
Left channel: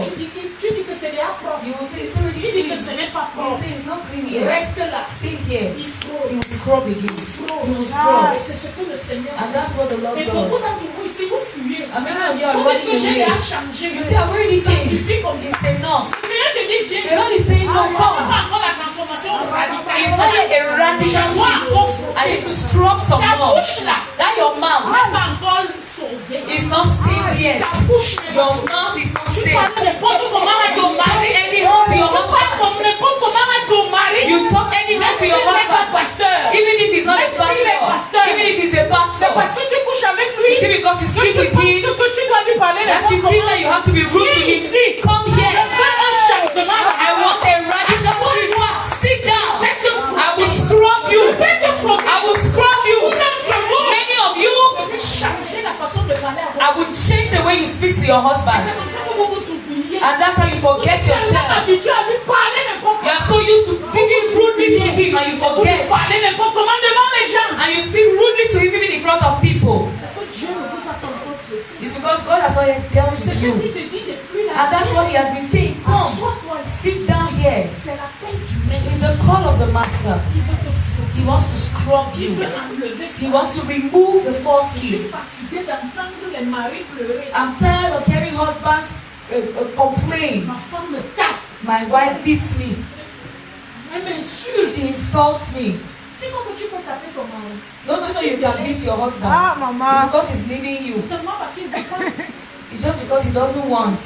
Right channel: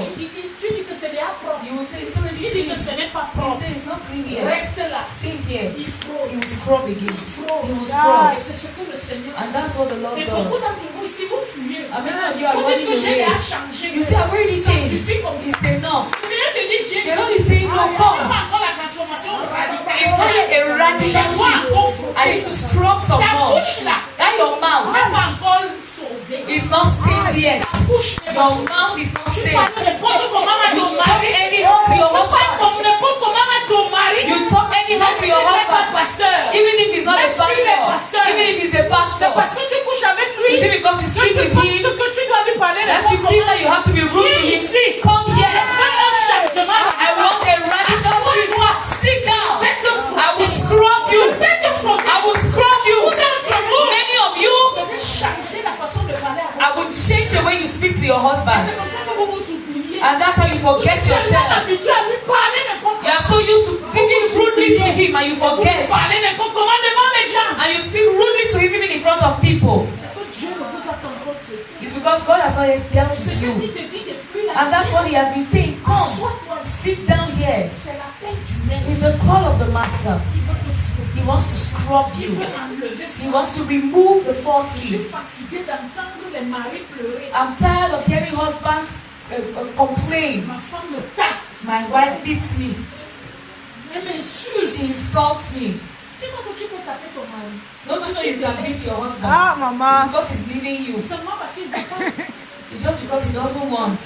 Tu dis que c'est déjà propre. He will say it's already Il dit que clean. ce n'est pas He propre. say it's not clean yet. Reste là. Stay here. Il He frôle. will scrub again. He will scrub. Et c'est ce que le Seigneur And fait. that's what the Lord Et beaucoup does. d'entre vous ici, vous fuyez. And many of you are Vous dites que running j'ai déjà away. changé. You say I've already Ça changed. suffit comme ça. It's enough. Le Seigneur te dit, viens The Lord ici. is saying no C'est pas come. encore la transformation radicale. It's not a radical shift. I need to scrub some Ta more. bouche là, That your mouth n'est pas encore sauvée. is not saved yet. Ta bouche n'est pas Your sauvée. mouth is not Tu saved. parles n'importe comment à ton mari. Anyhow to Tu your parles husband. comme n'importe comment à ton mari. You talk anyhow Même to s'il your n'est pas husband. pasteur. Even if he's not a Même s'il est pastor. pasteur. Even if he's a C'est pastor. parce que tu couches avec lui. Is it because you Que sleep tu with penses him que tu dois lui parler that n'importe you think comment. that you have to be rude to Viens him? ici. Come here. Fais un changement. I want a radical shift. Sit down. Faites de I will scrub you. Faites de frotter. I will scrub you. D'entre vous, Many of you, vous devez changer la façon de parler à I votre will change the way you speak to your C'est husband. comme ça que vous vous oubliez. And that's how you forget Tu es yourself. habitué à lui parler n'importe You are so used to speaking rudely to him and you Vous lui forget. parlez n'importe comment devant les gens. And you speak rudely to him even in front of people. C'est que Dieu ne vous a pas encore traité. It's because God has not yet dealt C'est with ce you. qu'il te dit depuis la And that's what he has been saying. Come, Assois-toi ici. sit down here. C'est la peine du maître. It's the call of the master. Il veut te frotter. He wants to scrub Il you. veut enlever He ça. wants to remove the false Je suis skin. fatiguée d'entendre les maris pleurer. I'm tired of hearing husbands complain. Ma femme me tape. My wife beats me. Elle m'insulte. She insults me. C'est quoi que tu peux taper ton mari? Don't you know you can beat your husband? Ah, It's maman. because he's leaving you. Seulement parce qu'il ne veut pas. It's just because he doesn't want.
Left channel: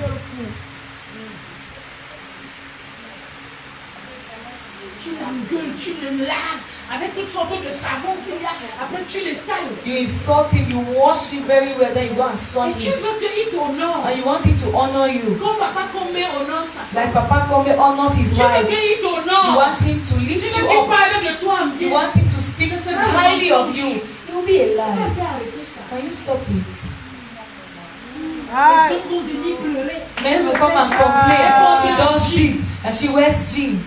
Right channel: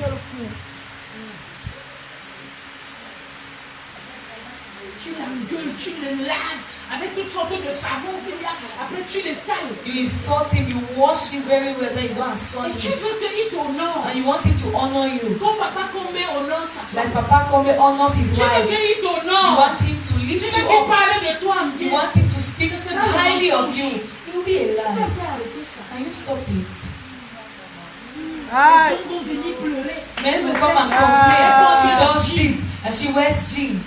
Tu l'engueules, tu le laves avec toutes sortes de savons qu'il y a. Après, tu le tailles. You insult him, you wash him very well, then you go and sun Et tu him. veux qu'il t'honore. And you want him to honor you. Comme papa Comé honore sa Like femme. Papa Kome honors his Tu veux wife. qu'il You t'honore. want him to Tu lift veux you qu'il up. parle de toi en You bien. want him to speak Ce too sera le highly of mensonge. you. It will be a Tu lie. peux arrêter ça. Can you stop it? Les Aïe. hommes vont venir pleurer. Men will come and complain. She does this and she wears jeans.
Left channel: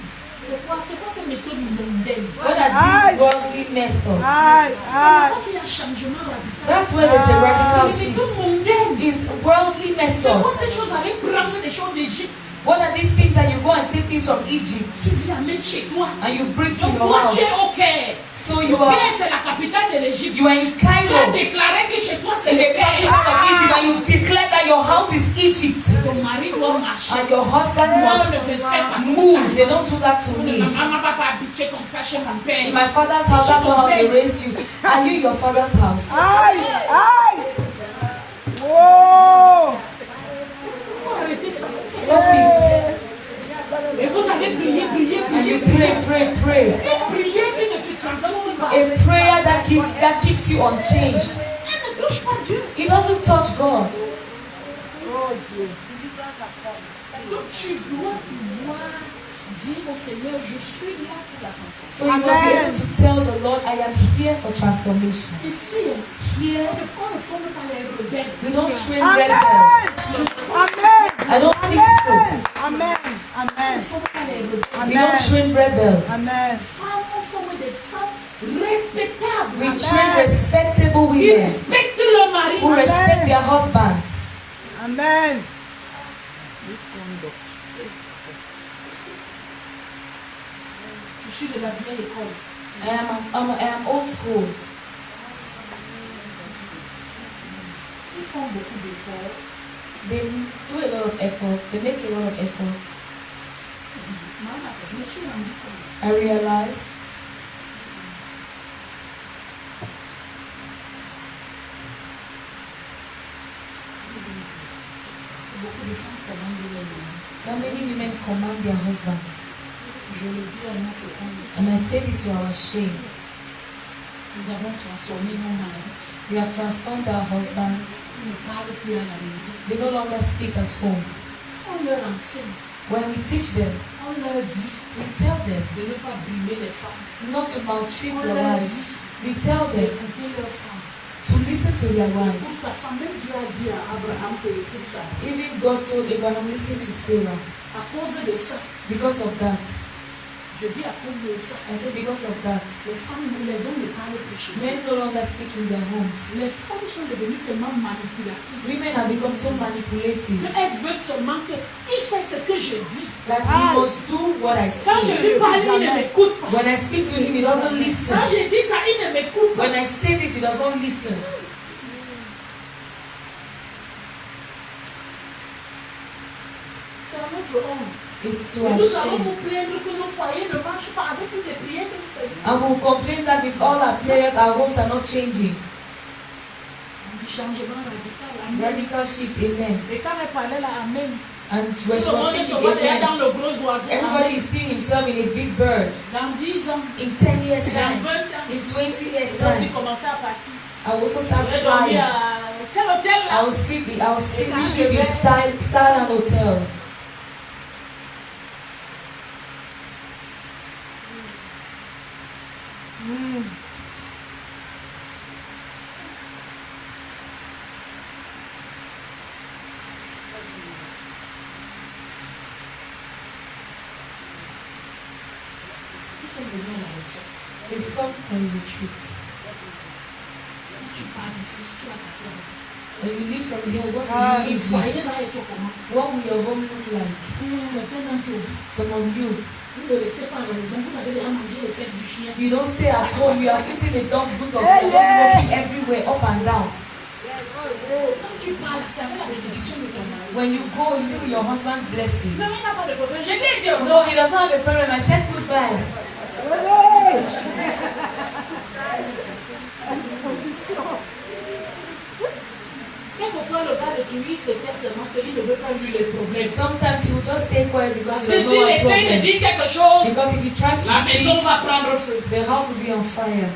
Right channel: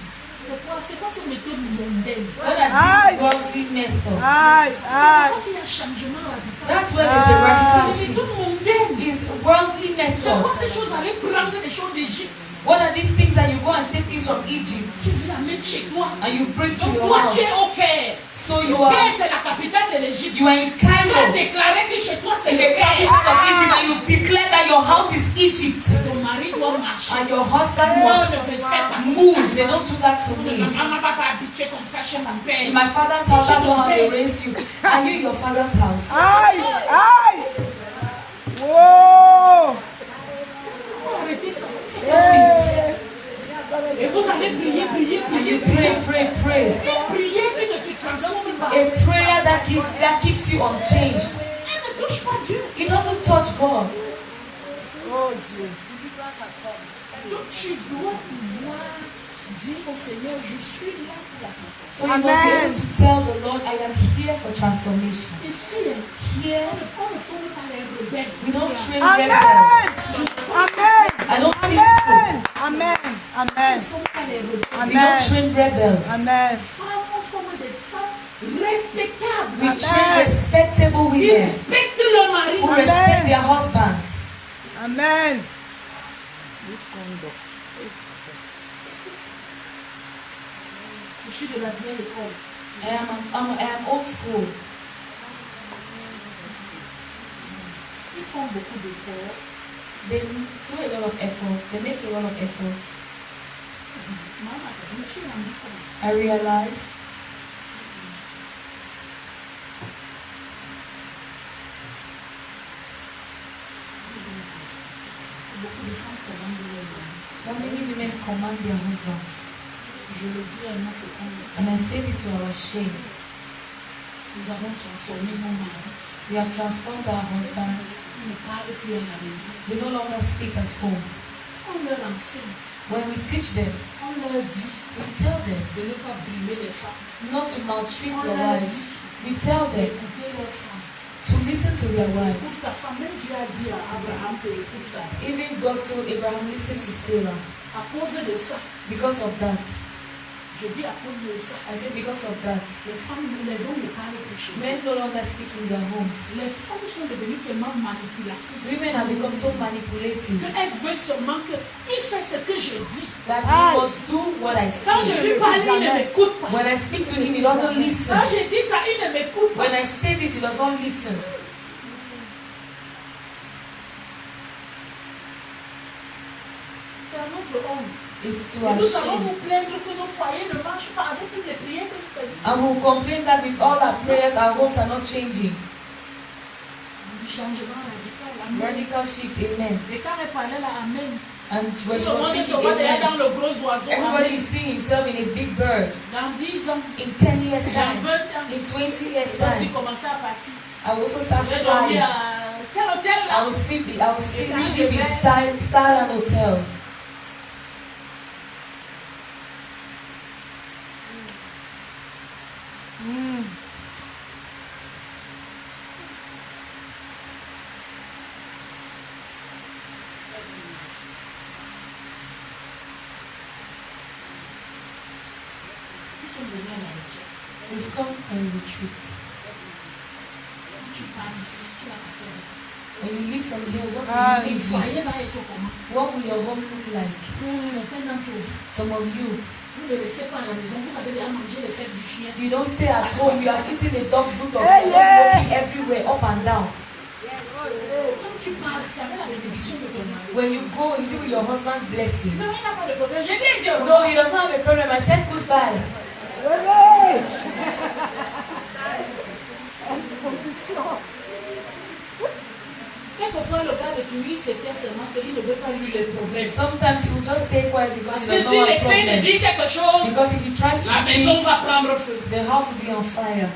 C'est quoi ces méthodes mondaines? What are these worldly methods? Aïe, C'est aïe. là-bas qu'il y a un changement radical. That's where there's a radical C'est des shift. méthodes mondaines. It's worldly C'est quoi methods. ces choses? Aller prendre des choses d'Égypte. What are these things that you go and take things from Egypt Tu viens mettre chez toi. and you bring to Donc your toi, house? tu es au Caire. So you Caire, are c'est la capitale de l'Égypte. you are in Tu as Cairo, déclaré que chez toi, c'est in le the Caire. capital of Egypt, and you declare that your house is Egypt, Ton mari doit marcher. and your husband Moi, must ne fais pas comme move. ça. They don't do that to me. Ma maman va pas habiter comme ça chez mon In père. my father's house, I know how they raised you. Are you in your father's house? Aïe, aïe. Oh. Faut arrêter ça. Stop it. Et vous allez prier, prier, And prier, you prier. pray. Prier qui ne te transforme pas. A prayer that keeps you unchanged. Elle ne touche pas Dieu. It doesn't touch God. Oh, Dieu. Donc tu dois pouvoir dire au Seigneur, je suis là pour la transformation. So you must be able to tell the Lord, I am here for transformation. Ici, Here, on ne forme pas les rebelles. we don't train Amen. rebels. Amen. I don't think so. Amen. On ne Amen. forme pas les rebelles. We don't train rebels. Amen. Femmes, on forme des femmes respectables. We train respectable Qui women respectent leur mari. who respect their husbands. Amen. Je suis de la vieille école. I am old school. Ils font beaucoup d'efforts. They do a lot of effort. They make a lot of efforts. Maman, je me suis rendu compte. I realized Beaucoup de femmes commandent leur mari. that many women command their husbands. Je le dis à notre compte. And I say this to our shame. Nous avons transformé nos maris. We have transformed our husbands. Ils ne parlent plus à la maison. They no longer speak at home. On leur enseigne. When we teach them, On leur dit we tell them de ne pas brimer les femmes. not to maltreat On their leur wives. dit We tell them d'écouter leurs femmes. to listen to their wives. Écoute ta femme, même Dieu a dit à Abraham que écoute ça. Even God told Abraham, listen to Sarah. À cause de ça, Because of that, Je dis à cause de ça. I say because of that, Les femmes, les hommes ne parlent plus chez eux. men no longer speak in their homes. Les femmes sont devenues tellement manipulatrices. Women have become so manipulative Elles veulent seulement qu'il fait ce que je dis. that he must do what I Quand je say. lui parle, il ne m'écoute pas. When I speak to him, he doesn't listen. Quand je dis ça, il ne m'écoute pas. When I say this, he does not listen. C'est à notre honte. It's to Et our nous allons shame. nous plaindre que nos foyers ne marchent pas avec toutes les prières que nous faisons. And we'll complain that with all our prayers, our homes are not changing. Un changement radical. Amen. Radical shift, amen. Et quand elle parlait là, Amen. And Tout when she le was monde se speaking, voit déjà dans amen, le gros oiseau. everybody Amen. is seeing himself in a big bird. Dans 10 ans, In 10 years' dans time, 20 ans, in 20 years' je vais aussi time, commencer à partir. I will also Je start vais dormir flying. à quel hôtel I là? will sleep puis je in vais- Starland Hotel. Ils sont venus à la retraite. We've come for a retreat. Tu pars d'ici, tu vas partir. When you leave from here, what will Le you leave foyer with? va être comment? What will your home look like? Certains d'entre vous, Some of you, vous ne restez pas à la maison, vous avez déjà mangé les fesses du chien. you don't stay at home, you are eating a dog's boot of food, just walking everywhere, up and down. Quand tu parles, c'est avec la bénédiction de ton mari. When you go, is it with your husband's blessing? Non, il n'a pas de problème. Je l'ai dit au No, he does not have a problem. I said goodbye. Quelquefois, le gars de Thury, c'était seulement qu'il ne veut pas lui les problèmes. Sometimes he will just stay quiet because he Parce que does not s'il have essaye de dire problems. quelque chose, Because if he tries to la maison speak, va prendre feu. the house will be on fire.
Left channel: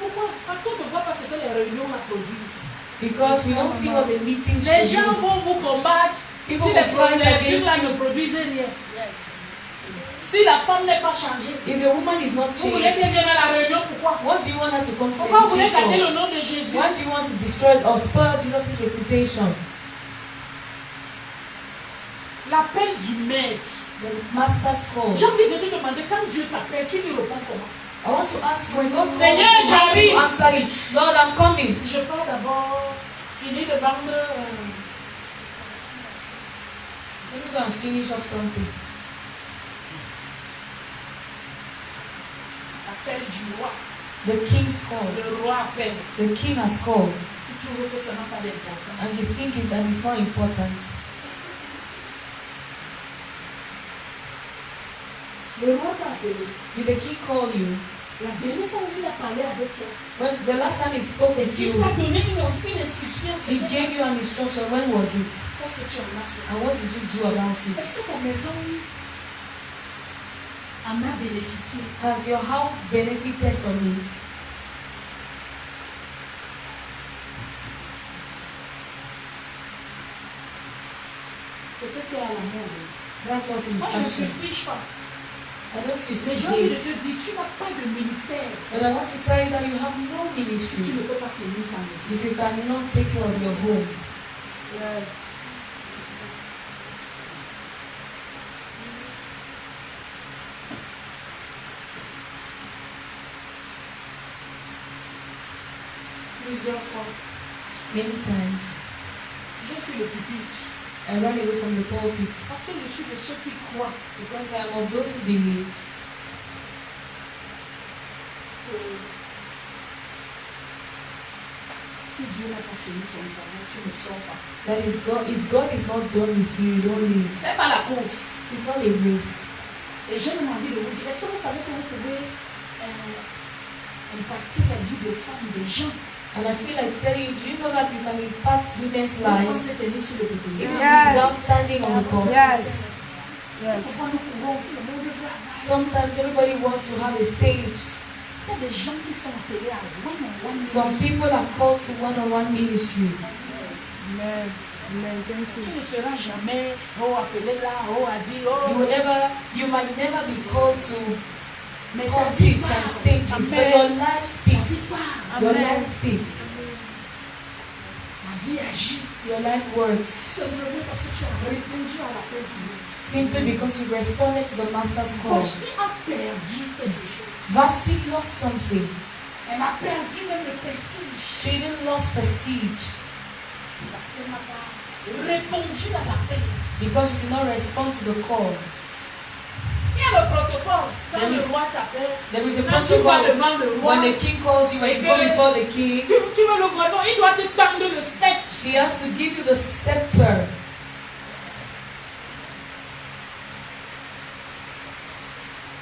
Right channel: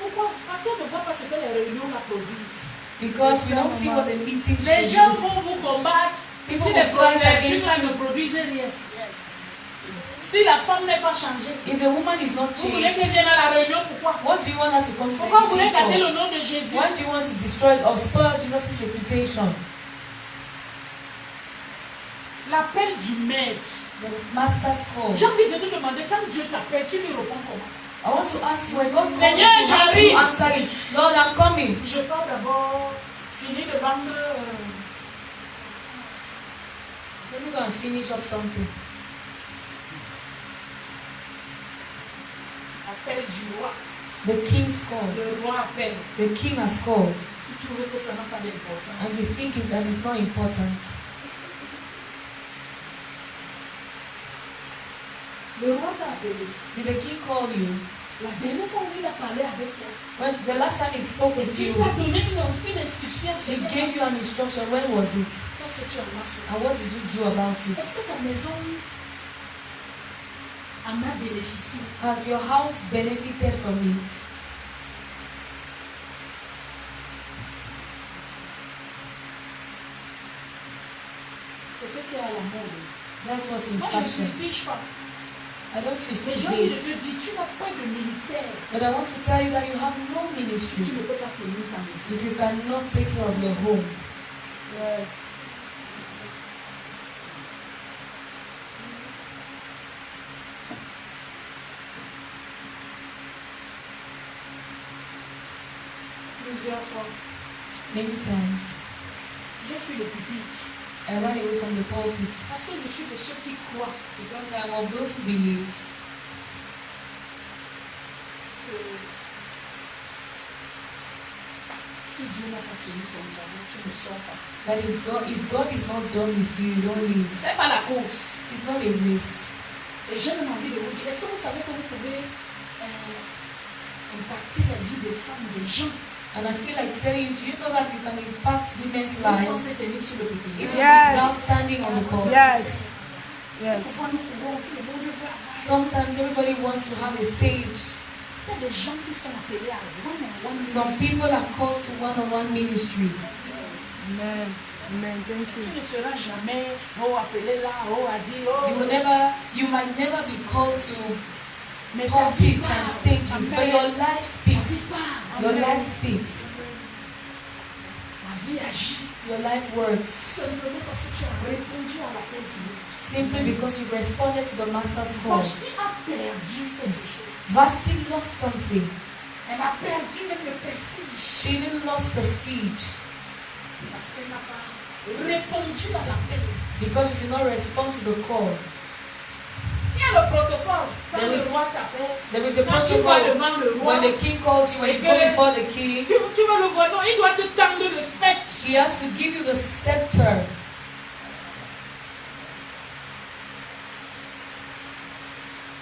Pourquoi? Parce qu'on ne voit pas ce que les réunions la produisent. Because we don't see what the meetings Les gens produce. vont vous combattre si People les will fight problèmes against là you. ne produisent rien. Si la femme n'est pas changée, If the woman is not vous voulez changed, qu'elle vienne à la réunion, pourquoi? what do you want her to come to Pourquoi a vous voulez gâter meeting le for? nom de Jésus? Why do you want to destroy or spoil Jesus' reputation? L'appel du maître. The master's call. J'ai envie de te demander, quand Dieu t'appelle, tu lui réponds comment? I want to ask when God calls Seigneur, you, how do you j'arrive. answer him? Lord, I'm coming. Je pars d'abord finir de vendre Let me go and finish up something. l'appel du roi. The king's called. Le roi appelle. The king has called. Tu trouves que ça n'a pas And d'importance. you think that is not important. Le roi t'a appelé. Did the king call you? La dernière fois où il a parlé avec toi, When the last time he spoke with il you, t'a donné une instruction. he gave you an instruction. When was it? Qu'est-ce que tu en as fait? And what did you do about it? Est-ce que ta maison en a bénéficié? Has your house benefited from it? C'est ce qui est à la mode. That's what's in Moi, je ne fashion. fustige pas. I don't Mais j'ai envie de fustigate. te dire, tu n'as pas de ministère. But I want to tell you that you have no Si tu ministry ne peux pas tenir ta maison. if you cannot take care of your home. Yes. Plusieurs fois, Many times, j'ai fait le pupitre I run away from the pulpit parce que je suis de ceux qui croient because I am of those who believe que si Dieu n'a pas fini son travail, tu ne sors pas. that is God. If God is not done with you, you don't live. C'est pas la course. It's not a race. Et j'ai même envie de vous dire, est-ce que vous savez que vous pouvez impacter la vie des femmes, des gens, And I feel like telling you, do you know that you can impact women's sans lives se tenir sur le peuple? even Yes. without standing on the pulpit? Yes. Yes. Pourquoi nous courons, tout le monde veut avoir? Sometimes everybody wants to have a stage. Il y a des gens qui sont appelés à one-on-one. Some people are called to one-on-one ministry. Amen. Amen. Thank Tu you. ne seras jamais appelé là, à dire, You might never be called to mais ta vie pulpits and parle. stages, but your life Ta vie speaks. parle. Your Amen. life speaks. Ta vie agit. Your life works Simplement parce que tu as répondu à l'appel du maître. simply because you responded to the master's call. Vashti a perdu quelque chose. Vashti lost something. Elle a perdu même le prestige. She didn't lost prestige Parce qu'elle n'a pas répondu à l'appel. because she did not respond to the call. Il y a le protocole. Quand There le is- roi t'appelle, There is a quand tu vas protocol. devant le roi, When the king calls you, when you go before the king, tu vas le voir, non, il doit te tendre le spectre. he has to give you the scepter.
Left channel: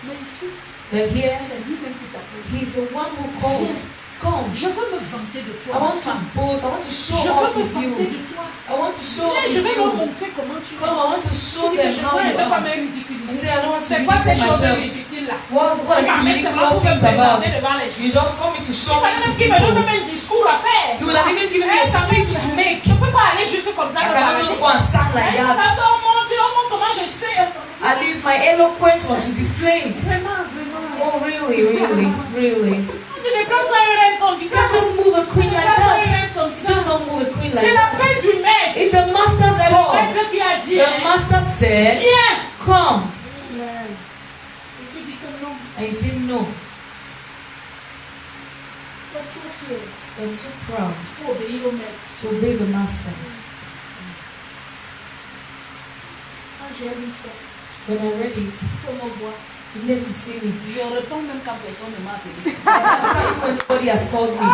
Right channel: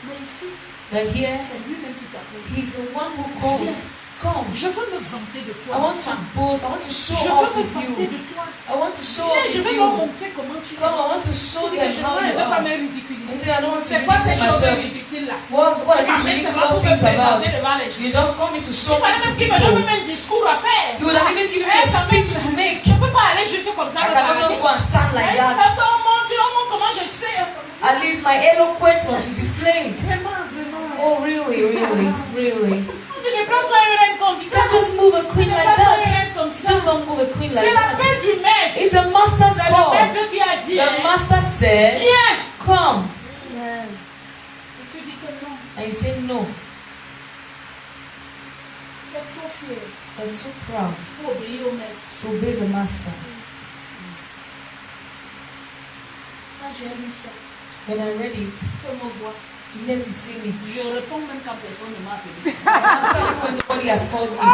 Mais ici, But here, c'est lui-même qui t'appelle. he's the one who called. Come. Je veux me vanter de toi. I want to femme. boast. I want to show Je off veux me with vanter you. de toi. I want to show off Viens, je with vais leur you. montrer comment tu Come, es. I want to show Tu dis, them mais je how ne you veux pas are. me You ridiculiser. say, I don't want to C'est quoi ces ridicule choses myself. ridicules là? What are Ma mère, these c'est moi pour me ridiculous things about? présenter devant les gens. You just call me to show Il fallait me to même qu'il me donne people. même un discours à faire. You would have even given me a Ça speech fait- to make. Je ne peux pas aller juste comme ça I me cannot balader. just go and stand like that. Attends, mon Dieu, comment je sais. At least my eloquence must be displayed. Vraiment, vraiment. Oh, really, really, really. Tu ne places pas une reine comme You ça. can't just move a queen Tu ne like places pas une that. reine comme You ça. just don't move a queen C'est like that. l'appel du maître. It's the master's C'est le call. maître qui a dit, The master said, viens. come. Et tu dis que non, And you say no. tu es trop fier You're too proud pour obéir au maître. to obey the master. Quand j'ai lu ça, When I read it, faut me voir. you need to see me. Je réponds même quand personne ne m'a appelé. I answer you when nobody has called me.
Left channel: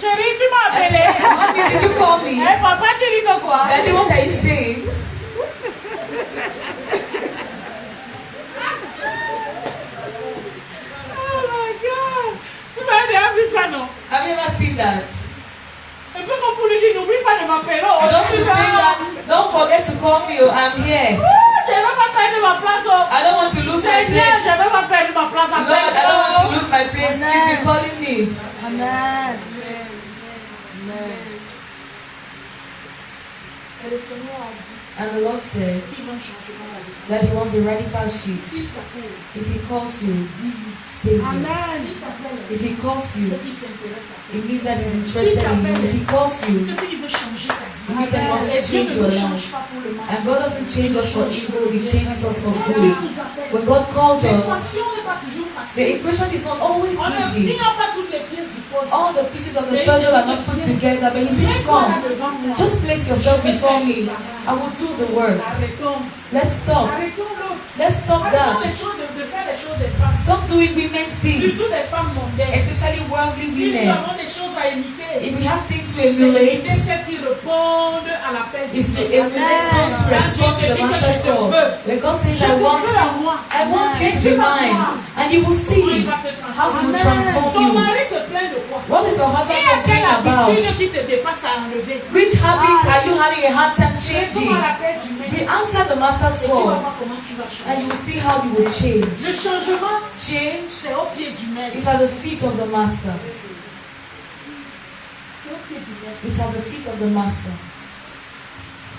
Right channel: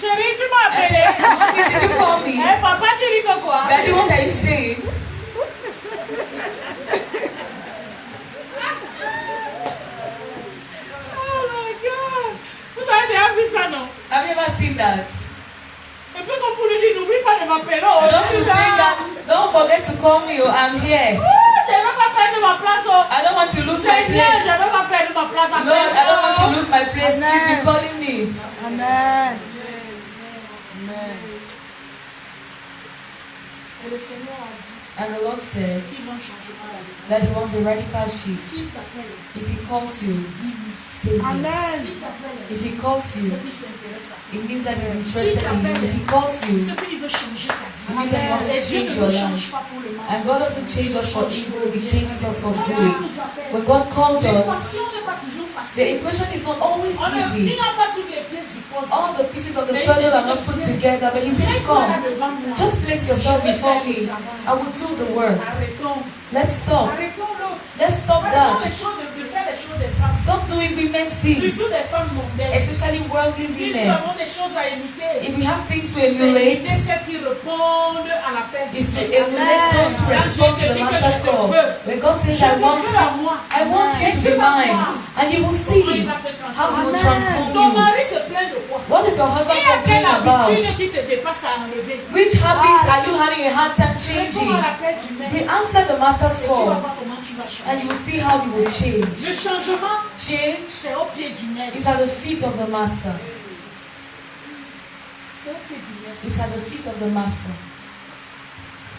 Chérie, tu m'as appelé. Mommy, did you call me? Eh, papa, tu dis que quoi? Daddy, what are you saying? Oh my God. Vous avez déjà vu ça, non? Have you ever seen that? Un peu comme pour lui dire, n'oublie pas de m'appeler. Oh, Just to say that, don't forget to call me. Oh, I'm here. Je ne veux pas perdre ma place. Oh. I don't want to lose my C'est bien, place. je ne veux pas perdre ma place. Lord, I don't want to lose my place. Please be calling me. Amen. Et le Seigneur a dit And the Lord said qu'il va changer la vie. that He wants a radical shift. S'il t'appelle, If He calls you, dis oui. say yes. S'il t'appelle, If He calls c'est you, qu'il s'intéresse à toi. it means that He's interested in you. If He calls you, C'est qu'il veut changer ta it vie. means that He wants to Et Dieu change ne your nous change life. pas pour le mal. And God doesn't change us for evil, He changes us for Quand Dieu good. nous appelle, When God calls us, l'équation n'est pas toujours the facile. equation is not always Il easy. n'y a pas toutes les pièces du puzzle. All the pieces of the puzzle are not put together, but He says, Mets-toi là come, devant moi. just place yourself before me. I will do the work. Arrêtons. Let's stop. Arrêtons l'autre. Let's stop Arrêtons that. de faire les choses des femmes. Stop doing women's things, Surtout des femmes mondaines. especially worldly Si nous women. avons des choses à imiter, If we have things to c'est emulate, imiter celles qui répondent à l'appel du is to Seigneur. emulate those who Quand respond Dieu to te the dit que master's je te call. veux, When God says, je I te want veux à you, moi. I want you Et to tu be vas mine, voir and you will comment il see va te how He will transformer. transform Ton you. mari se plaint de quoi? What is your husband Il y a quelle complaining about? habitude qui te dépasse à enlever? Which habits are you having a hard time Réponds changing? à l'appel du We maître. answer the master's Et tu vas call, voir comment tu vas and changer. you will see how you will change. Le changement, Change c'est au pied du maître. is at the feet of the master. C'est au pied du maître. It's at the feet of the master.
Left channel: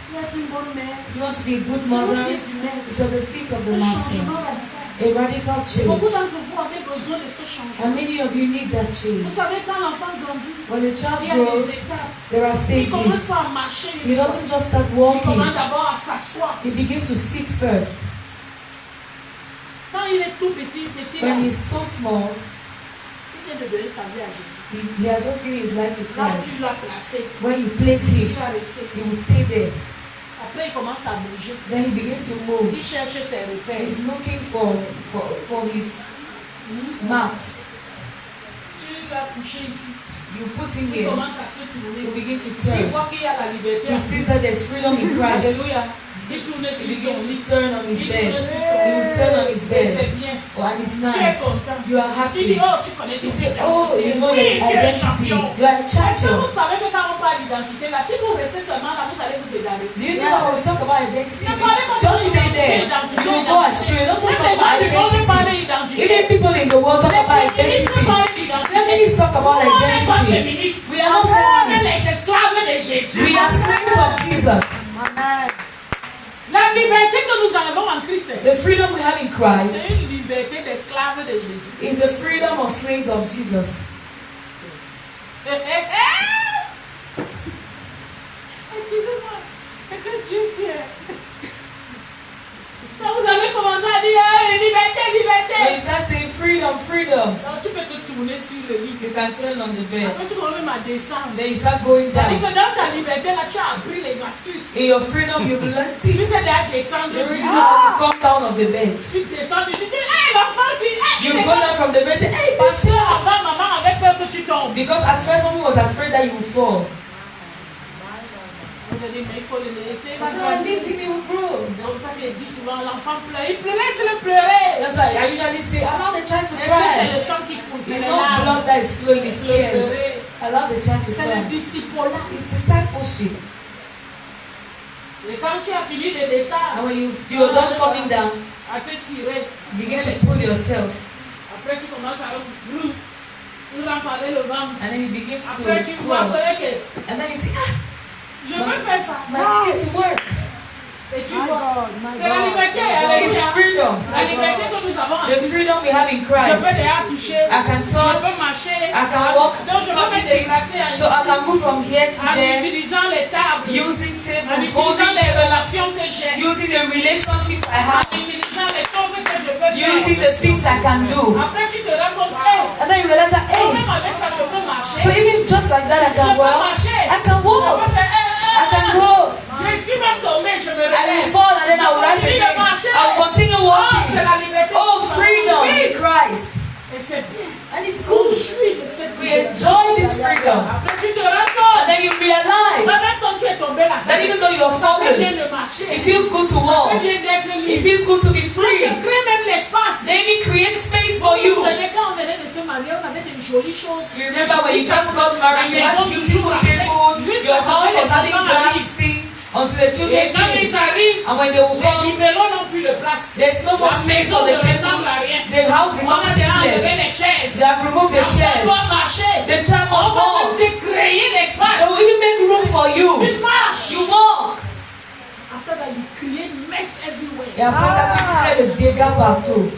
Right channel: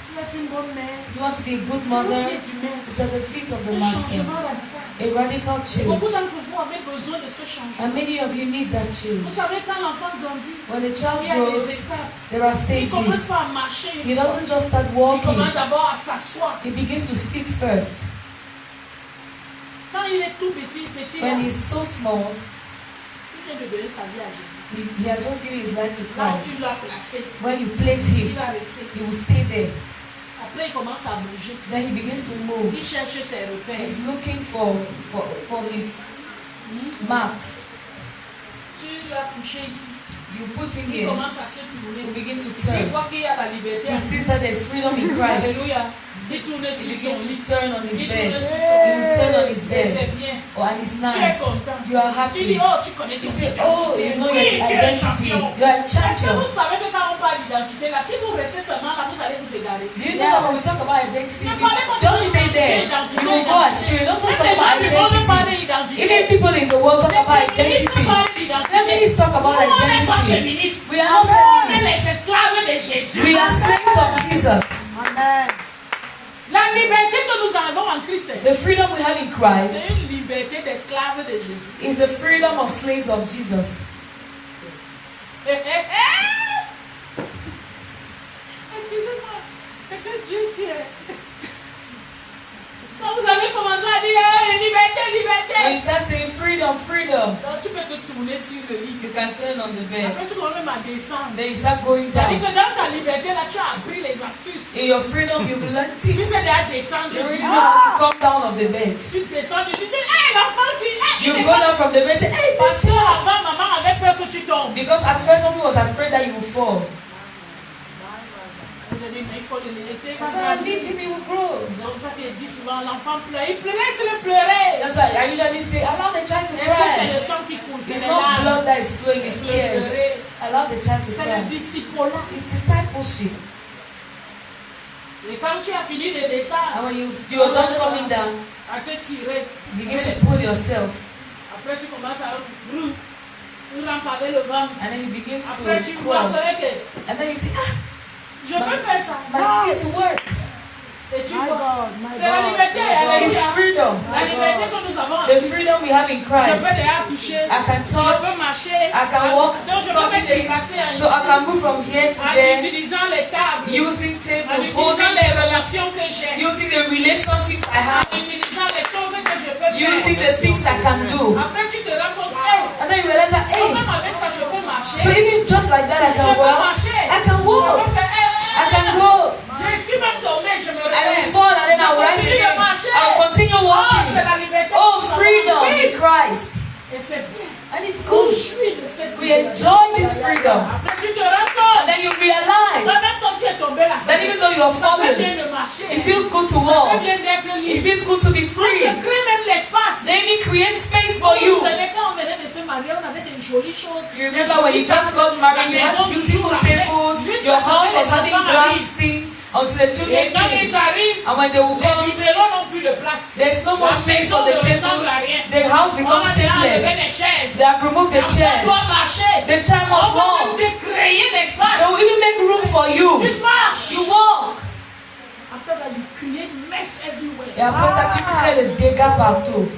Tu vas être une bonne mère. You want to be a good C'est au mother? pied du maître. It's at the feet of the Le master. changement radical. A radical Beaucoup change. d'entre vous avez besoin de ce changement. And many of you need that Vous change. savez, quand l'enfant grandit, When a child il y a des grows, étapes. there are Il commence stages. pas à marcher. He Une fois. doesn't just start Il commence walking. d'abord à s'asseoir. He begins to sit first. Quand il est tout petit, là, When he's so small, il vient de donner sa vie à Jésus. he has just given his life to Là, Christ. tu l'as placé. When you place Il him, va rester. he will stay there. Après, il commence à bouger. Then he begins to move. Il cherche ses repères. He's looking for his marks. Tu vas coucher ici. You put him Il here. commence à se He tourner. begins to Il turn. voit qu'il y a la liberté. He sees that there's freedom in Christ. Alléluia. Il tourne He sur begins son to lit. turn on his Il bed. tourne sur He son will turn on his lit. Et bed. c'est bien. Oh, and it's Tu es nice. content. You are Tu dis, happy. oh, tu connais You ton say, identité. oh, you know Oui, your tu es identity. champion. You are a Est-ce que champion. vous savez que quand on parle d'identité, là, si vous restez seulement là, vous allez vous égarer. Do you know that when we talk about identity, Ne parlez pas just de stay there. identité, You will go astray. Don't just Même talk les about gens du monde parlent identity. d'identité. Even people in the world talk Les about féministes identity. parlent d'identité. Feminists talk about Nous, on n'est pas identity. féministes. We are not On est feminists. les esclaves de Jésus. We are slaves of Jesus. Amen. La liberté que nous avons en Christ, The freedom we have in Christ c'est une liberté d'esclaves de Jésus. is the freedom of slaves of Jesus. freedom, freedom. Donc tu peux te tourner sur le lit. You can turn on the bed. Après tu commences même à descendre. Then you start going C'est-à-dire down. que dans ta liberté, là, tu as appris les astuces. In your freedom, you've learned Tu tips. sais déjà descendre. You already know how to come down of the bed. Tu descends, tu dis, hey, l'enfant, si, hey, You il go descend. down from the bed and say, hey, Parce this que child. avant, maman avait peur que tu tombes. Because at first, mommy was afraid that you would fall. Vous avez dit, mais il faut le laisser. I said, I leave him, he will grow. Donc ça qui dit souvent, l'enfant pleure. Il pleure, laisse-le pleurer. That's why I usually say, allow the child to Est-ce que c'est cry. le sang qui coule? C'est It's les not larmes. blood that is flowing, it's tears. Allow the child to C'est le cry. disciple-là. It's discipleship. Et quand tu as fini de descendre, And when you're done coming down, à te tirer, begin to pull yourself. après tu commences à remparler le ventre. And then you begin to Après tu vois crawl. que And then you say, je peux faire ça. my feet work. Et tu vois, c'est la liberté. Elle It's est freedom. la liberté que nous avons en The Christ. freedom we have in Je Christ. peux déjà toucher, I can je touch, peux marcher, I can walk, donc je peux touching me déplacer things. So I can move from here to en there, utilisant les tables, using en tables, utilisant holding les tables, relations que j'ai, using the relationships I en have, utilisant les choses que je peux using faire. the things I can do. Après tu te rends compte, hey, And then you realize that, hey, même avec ça je peux marcher. so even just like that, I Je can peux walk. marcher. I can Je walk. peux faire, I can go. Je suis même tombé, je me I will réveille. fall and then I will rise Continue de again. marcher. I will continue Oh, c'est walking. la liberté. Oh, freedom in Christ. Et c'est bien. And it's On good. jouit de cette We liberté. enjoy this freedom. Après tu te rends And compte. then you realize Même quand tu es tombé là, that even though you are ça fait bien fallen, de marcher. it feels good to Ça fait walk. bien d'être It libre. feels good to be On free. te crée même l'espace. They even create space Vous for vous you. souvenez quand on venait de se marier, on avait des jolies choses. You remember when you just got married, you had beautiful tables, your house was having glass things until the Et children quand ils came. arrivent, And when they will les come, libéraux n'ont plus de place. there's no more La space maison for ne the ressemble à table. rien. The house On becomes a déjà enlevé shameless. les chaises. They have removed the On chairs. doit marcher. The child On must va walk. même te créer l'espace. They will even make room for Tu you. marches. You walk. After that, you create mess everywhere. Et après ça, tu crées le dégât partout.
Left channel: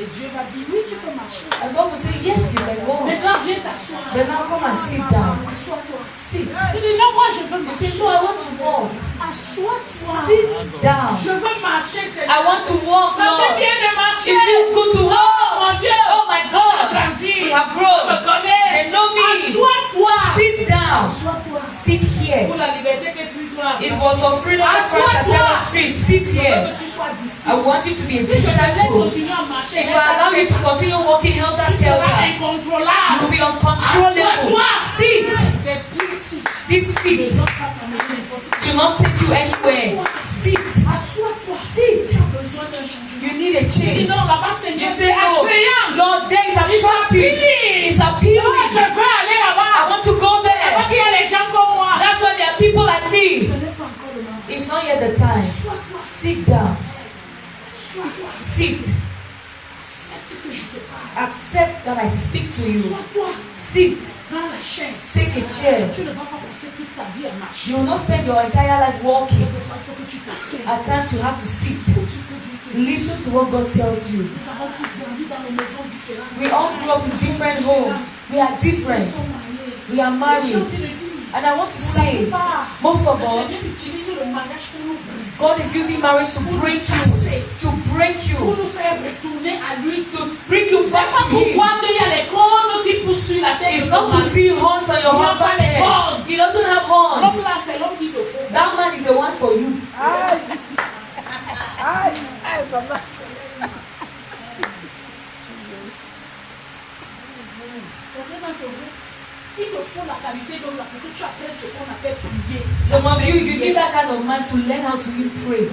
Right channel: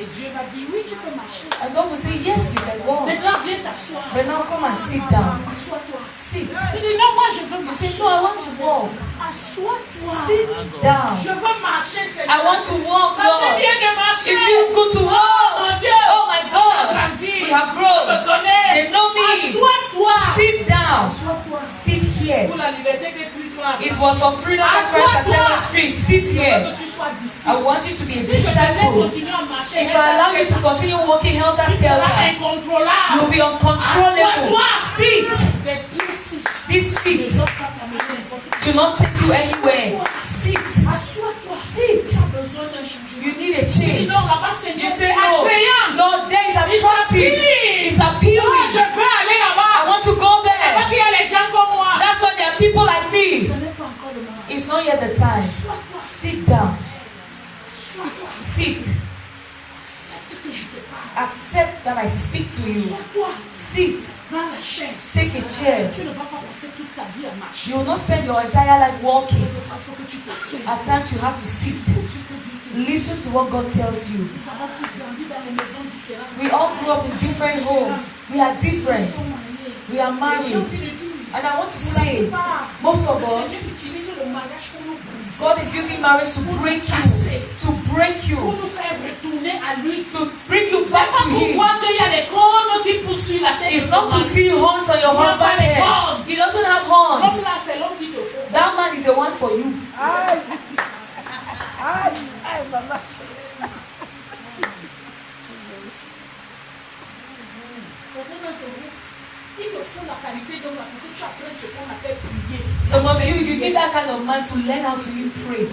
Et Dieu va dire, oui, tu peux marcher. And God will say, yes, you can walk. Maintenant, viens t'asseoir. But now come and sit down. Assois-toi. Sit. Je dis, non, moi, je veux You say, marcher. no, I want to walk. Assois-toi. Sit down. Je veux marcher, Seigneur. I want to walk, Ça fait Lord. bien de marcher. It feels good to Oh, walk. mon Dieu. Oh my On a God. grandi. We have On grown. me connaît. They know me. Assois-toi. Sit down. Assois-toi. Sit here. Pour la liberté que Christ m'a It was for freedom of Christ that set us free. Sit Je veux here. que tu sois I disciple. want you to be a Si je te laisse disciple. continuer à marcher, If I allow you to continue walking helter tu seras skelter, incontrôlable. you'll be uncontrollable. Sit. Tes pieds These ne feet doivent pas t'amener n'importe où. do not take you anywhere. Sit. Assois-toi. Sit. Tu as besoin d'un changement. You need a Tu dis change. non, là-bas, Seigneur, You c'est say, no, attrayant. Lord, there is It's attractive. appealing. It's Oh, appealing. je veux aller I là-bas. want to go Là-bas there. qu'il y a les gens comme moi. That's why there are people like Ce me. n'est pas encore le moment. It's not yet the time. Assois-toi. Sit down. Assois-toi. Sit. Accepte que je te parle. Accept that I speak to you. Assois-toi. Sit. Prends la chaise. Take a chair. Tu ne vas pas passer toute ta vie à marcher. You will not spend your entire life walking. Quelquefois, il faut que tu t'asseyes. At times you have to sit. Tu peux dire que Listen to what God tells you. nous avons tous grandi dans des maisons différentes. We all grew up in different homes. We are Nous different. sommes mariés. We are J'ai married. envie de dire, And I want to say, most of le us, Seigneur utilise le mariage pour nous briser, God is using marriage to break you. To break pour you. nous faire retourner à lui. To bring you C'est back pas to pour Him. voir qu'il y a des cornes qui poussent sur la tête. It's de not ton to mari. see horns on your Il n'y a pas husband's les head. cornes. He doesn't have L'homme horns. là, c'est l'homme qui te faut. That man is the one for you. Il te faut la qualité d'homme là pour que tu apprennes ce qu'on appelle prier. Some of you, you need that kind of man to learn how to even pray.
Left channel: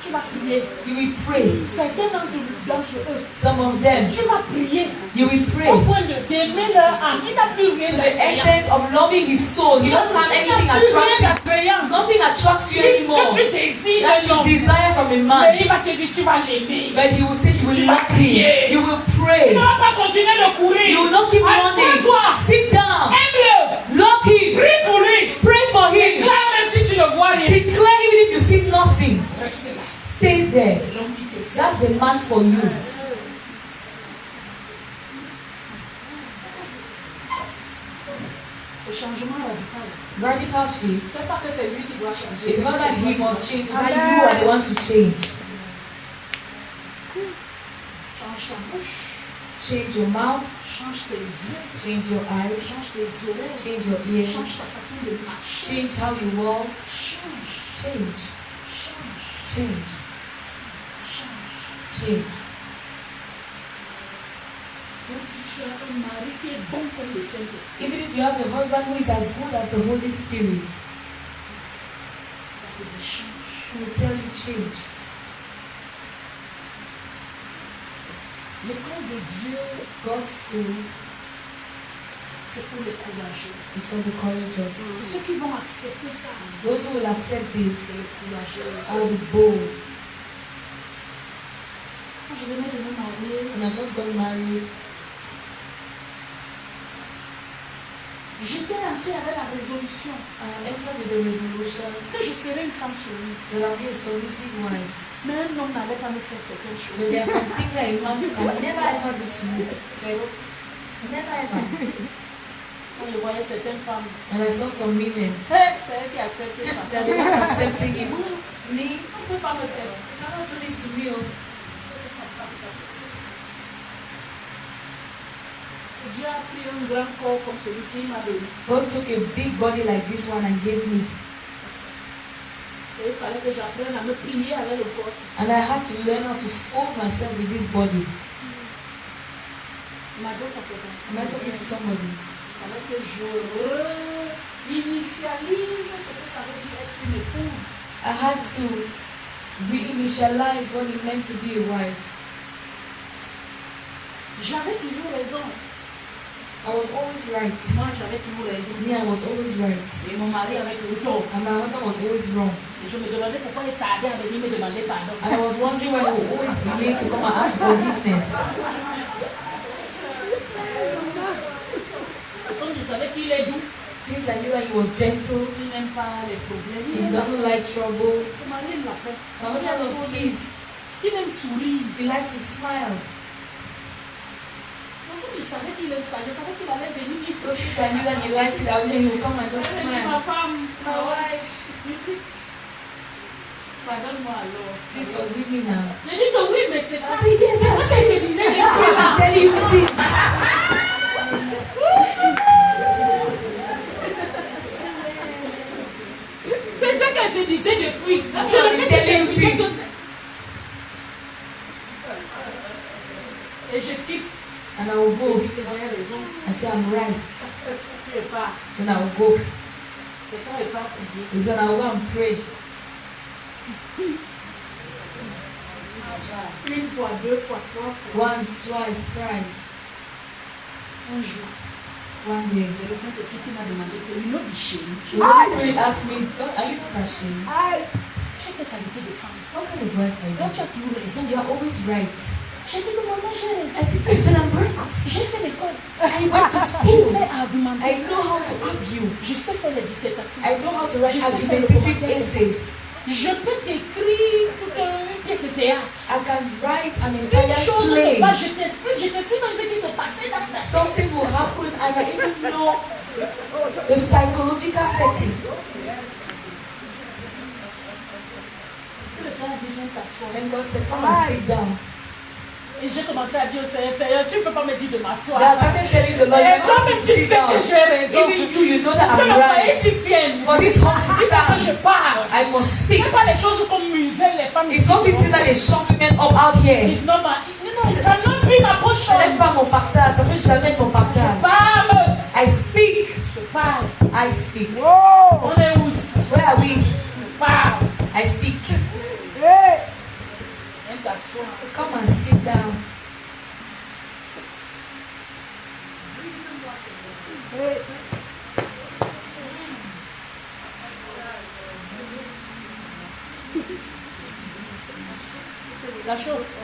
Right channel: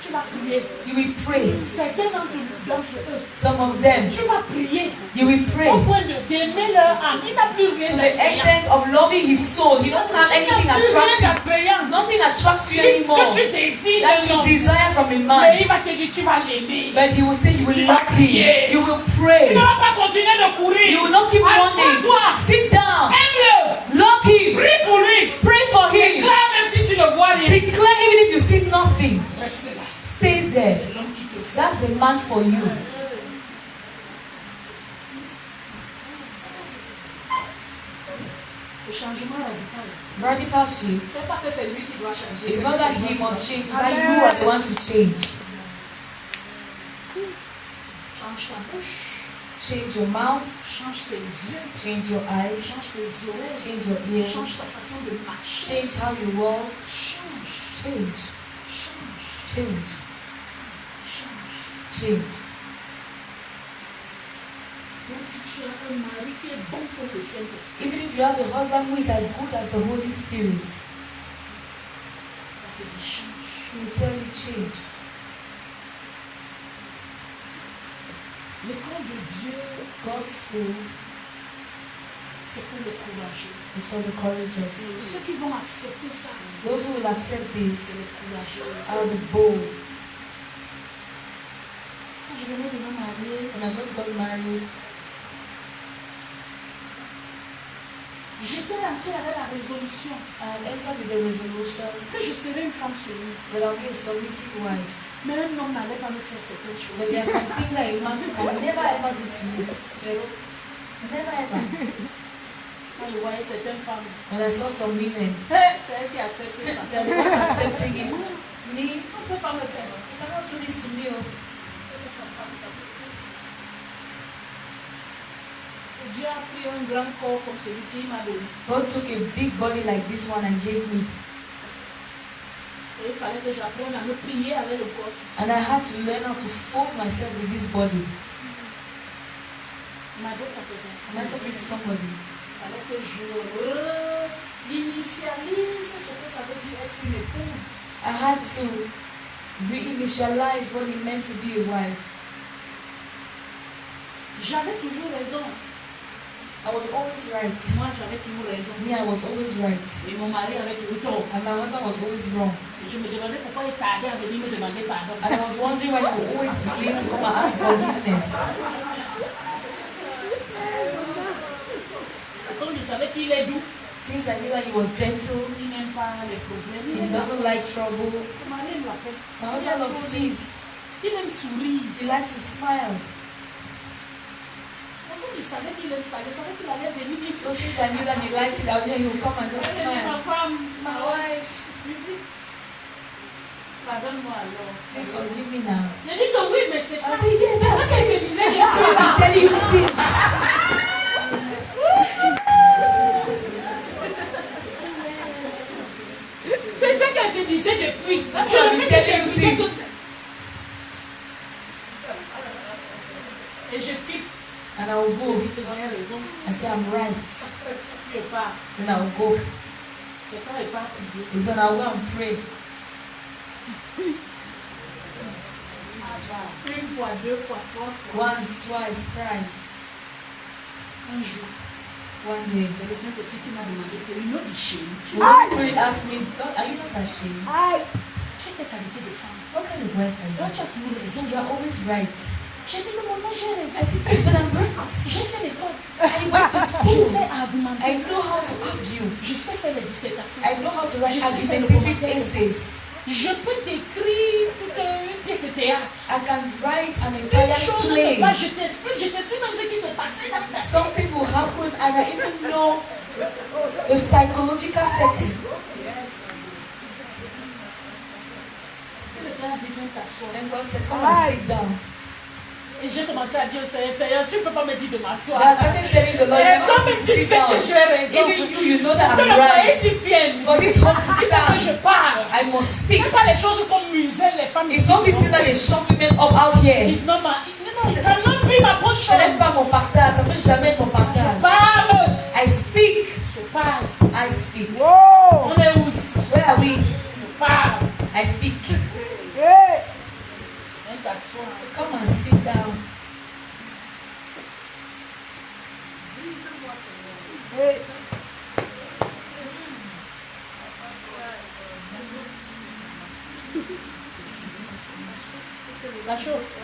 Tu vas prier. You will pray. Certains d'entre eux, Some of them, tu vas prier you will pray. au point d'aimer leur âme. Il n'a plus rien To the d'attrayant. extent of loving his soul. He doesn't have Il n'a anything plus rien attractive. d'attrayant. Nothing attracts you anymore. Que tu désires That d'un you homme. desire from a Mais man. il va te dire, tu vas l'aimer. But he will say you will Tu love vas prier. him. You will Tu pray. ne vas pas continuer de courir. You will not keep running. Assois-toi. Sit down. Aime-le. Love him. Prie pour lui. Pray for him. Déclare même si tu ne vois rien. Declare even if you see nothing. Reste là. Stay there. C'est l'homme qui te fait. That's the man for you. Le changement radical. Radical shift. C'est pas que c'est lui qui doit changer. It's not that he must change. It's that you are the one to change. Change ta bouche. Change your mouth. Change tes yeux. Change your eyes. Change tes oreilles. Change your ears. Change ta façon de marcher. Change how you walk. Change. Change. Change. Change. Change. Change. Même si tu as un mari qui est bon comme le Saint-Esprit, Even if you have a husband who is as good as the Holy Spirit, il va te dire change. he will tell you change. L'école de Dieu, God's school c'est pour les courageux. is for the courageous. Ceux qui vont accepter ça, Those who will accept this c'est les courageux. are the bold. Quand je venais de me marier, When I just got married, j'étais entrée avec la résolution I entered with the resolution que je serais une femme soumise. that I'll be a submissive wife. Mais un homme n'allait pas me faire certaines choses. But there are some things that a man can never ever do to me. Never ever. Quand je voyais certaines femmes, When I saw some women, hey, c'est elle qui accepte ça. they're the ones accepting it. Me, you On ne peut pas me faire ça. cannot do this to me. Oh. Dieu a pris un grand corps comme celui-ci, il m'a donné. God took a big body like this one and gave me. Et il fallait que j'apprenne à me plier avec le corps. And I had to learn how to fold myself with this body. Il m'a dit ça peut être. Am I talking to somebody? Il fallait que je réinitialise ce que ça veut dire être une épouse. I had to reinitialize what it meant to be a wife. J'avais toujours raison. I was always right. Moi, j'avais toujours raison. Me, I was always right. Et mon mari avait toujours tort. And my husband was always wrong. Et je me demandais pourquoi il tardait à venir me demander pardon. And I was wondering why he would always delay to come and ask forgiveness. Et comme je savais qu'il est doux, Since I knew that he was gentle, il n'aime pas les problèmes. he Il aime la doesn't paix. like trouble. Mon mari aime la paix. My husband loves peace. Il aime sourire. He likes to smile. Donc, comme je savais qu'il aime ça, je savais qu'il allait venir ici. So since I knew that he likes it, I knew he would come and just Elle dit, ma smile. femme, My wife, pardonne-moi alors. please forgive me now. Je dis que oui, mais c'est ça. I said, yes, C'est ça I qu'elle me said, disait. that's what I'm telling you since. C'est ça qu'elle te disait depuis. That's Je what le I'm fais telling you que since. et je quitte. And I will go. Oui, que j'ai raison. I say, I'm right. Tu pars. Then I will go. C'est quand il part prier. Because when I will go and pray. Une fois, deux fois, trois fois. Once, twice, thrice. Un jour, One day. c'est le Saint-Esprit qui m'a demandé que une autre chaîne. The Holy Spirit asked me, "God, are you not ashamed? Tu as quelle qualité de femme? What kind of wife are Là, you? tu as toujours raison. You are always right." J'ai dit que maman, j'ai I raison. said, "Yes, but I'm right. J'ai fait l'école. I went to Je school. sais argumenter. I know how to argue. Je sais faire les dissertations. I know how to write Je sais faire le argumentative commentaire. essays. Je peux t'écrire toute une pièce de théâtre. I can write an Une entire chose se play. passe, je t'explique même ce qui s'est passé dans ta vie. Something will happen, and I even know the psychological setting." Le Seigneur dit, viens t'asseoir. And God said, "Come and sit down." Et j'ai commencé à dire au Seigneur, Seigneur, tu ne peux pas me dire de m'asseoir. That I started telling the Lord, Et "You toi, must mais tu sit sais que down. j'ai raison. Even you know that Que I'm le foyer right. s'y tienne. For this home to Il faut que je stand, parle. I must Ce speak. n'est pas les choses comme muselle les femmes It's ici. not this thing that they shove women up out here. It's not my... Non, il n'a pris ma prochaine. Ce n'est pas mon partage, ça peut jamais être mon partage. Parle. I speak. Je parle. I speak. On est où ici? Where are we? Je parle. I speak. Viens t'asseoir. Come and sit down. La chauffe.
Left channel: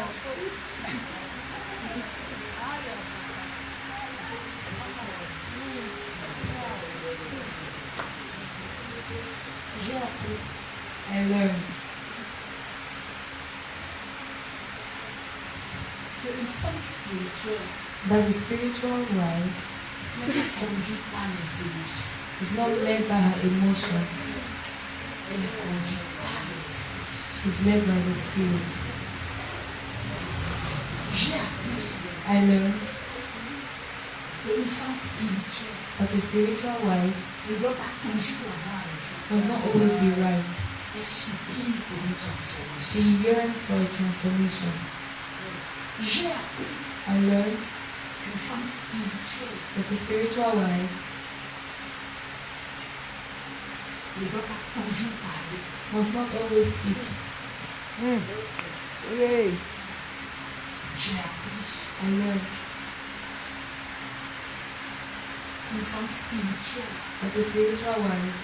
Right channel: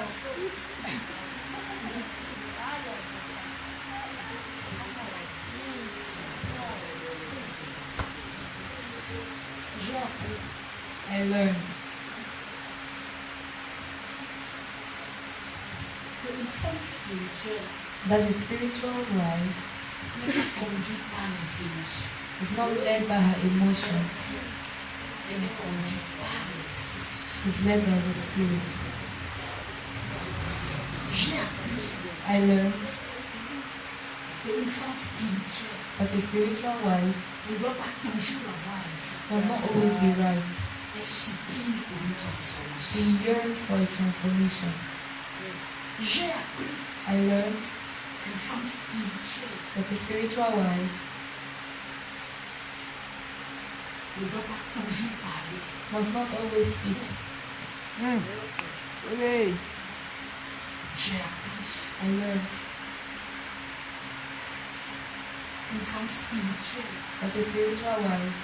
J'ai appris. I learned Une femme spirituelle that a spiritual life n'est pas conduite par les émotions. is not led by her emotions. Elle est conduite par l'esprit. She's led by the Spirit. J'ai appris I learned qu'une femme spirituelle that a spiritual wife ne doit pas toujours avoir raison. must not always be right. Elle supplie pour une transformation. She yearns for a transformation. J'ai appris I learned qu'une femme spirituelle that a spiritual wife ne doit pas toujours parler. must not always speak. Oui. J'ai appris I learned qu'une femme spirituelle that a spiritual wife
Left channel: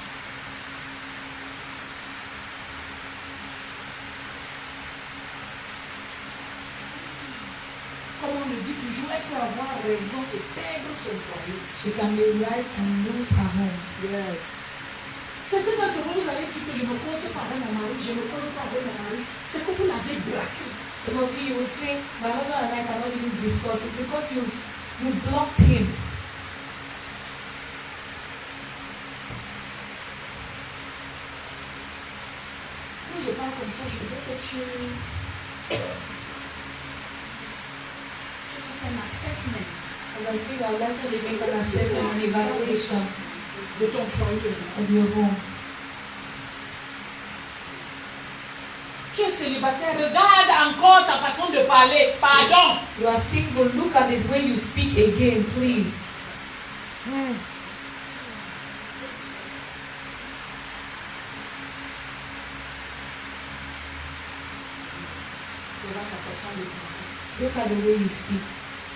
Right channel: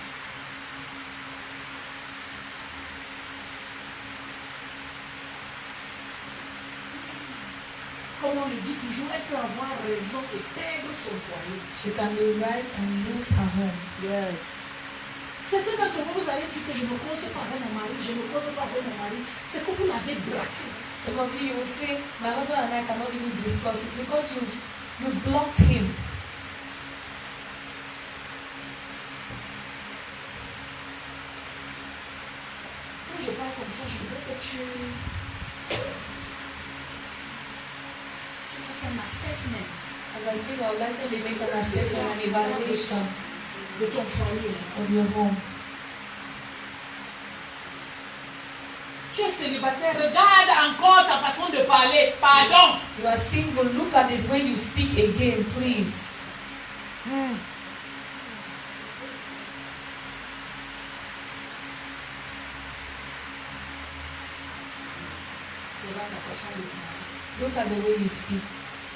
comme on le dit toujours, elle peut avoir raison et perdre son foyer. she can be right and lose her home. Yes. Certains d'entre vous, vous allez dire que je ne cause pas avec mon mari, je ne cause pas avec mon mari. C'est que vous l'avez braqué. Some of you will say, my husband and I cannot even discuss. It's because you've blocked him. Quand je parle comme ça, je veux que tu fasses un assessment As I speak, I would like you to make an assessment and evaluation de ton foyer. of your home. Tu es célibataire, regarde encore ta façon de parler. Pardon. You are single, look at this way you speak again, please. Regarde ta façon de parler. Look at the way you speak.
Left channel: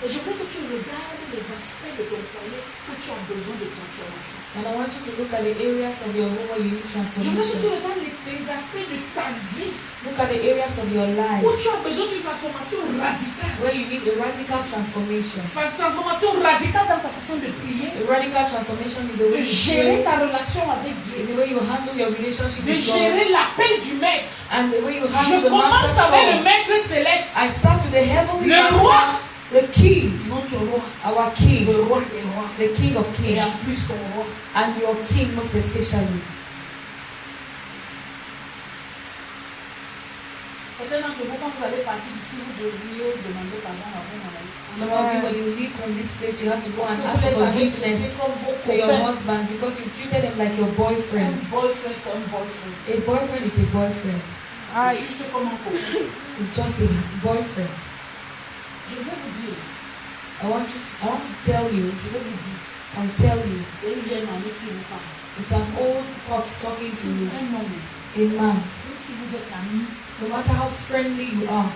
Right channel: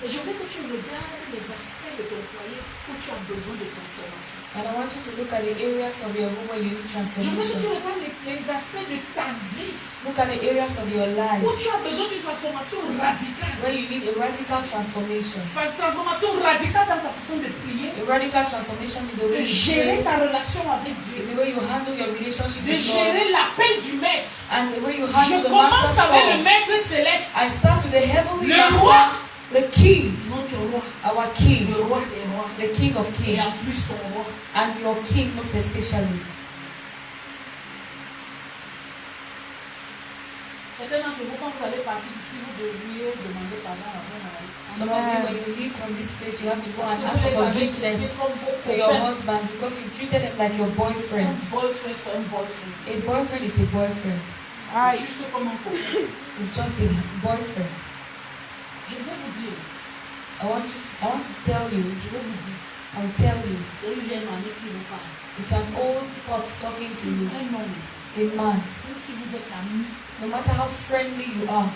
Et je veux que tu regardes les aspects de ton foyer où tu as besoin de transformation. And I want you to look at the areas of your home where you need Je veux que tu transformation. regardes les aspects de ta vie Look at the areas of your life où tu as besoin d'une transformation radicale. where you need a radical transformation. Transformation radicale dans ta façon de prier, A radical transformation in the de way you gérer pray, ta relation avec in Dieu, the way you handle your relationship de with God, gérer l'appel du maître. and the way you Je handle the commence master's avec le call. maître céleste, I start with the heavenly le master, roi, the king, notre roi, our king, le roi des rois, the king of et en kings, plus ton roi. and your king most especially. Certains d'entre vous, quand vous allez partir d'ici, vous devriez demander pardon à vos maris. Some of you, when you leave from this place, you have to go Parce and que vous ask les avez forgiveness traités comme vos to your copains. husbands because you've treated them like your Un boyfriends. boyfriend, c'est un boyfriend. A boyfriend is a boyfriend. Aïe. Juste comme un copain. It's just a boyfriend. Je vais vous dire, I want to tell you, je vais vous dire, I'll tell you, c'est une vieille mamie qui vous parle. it's an old pot talking to you, Un homme, a man. même si vous êtes amis, No matter how friendly you are,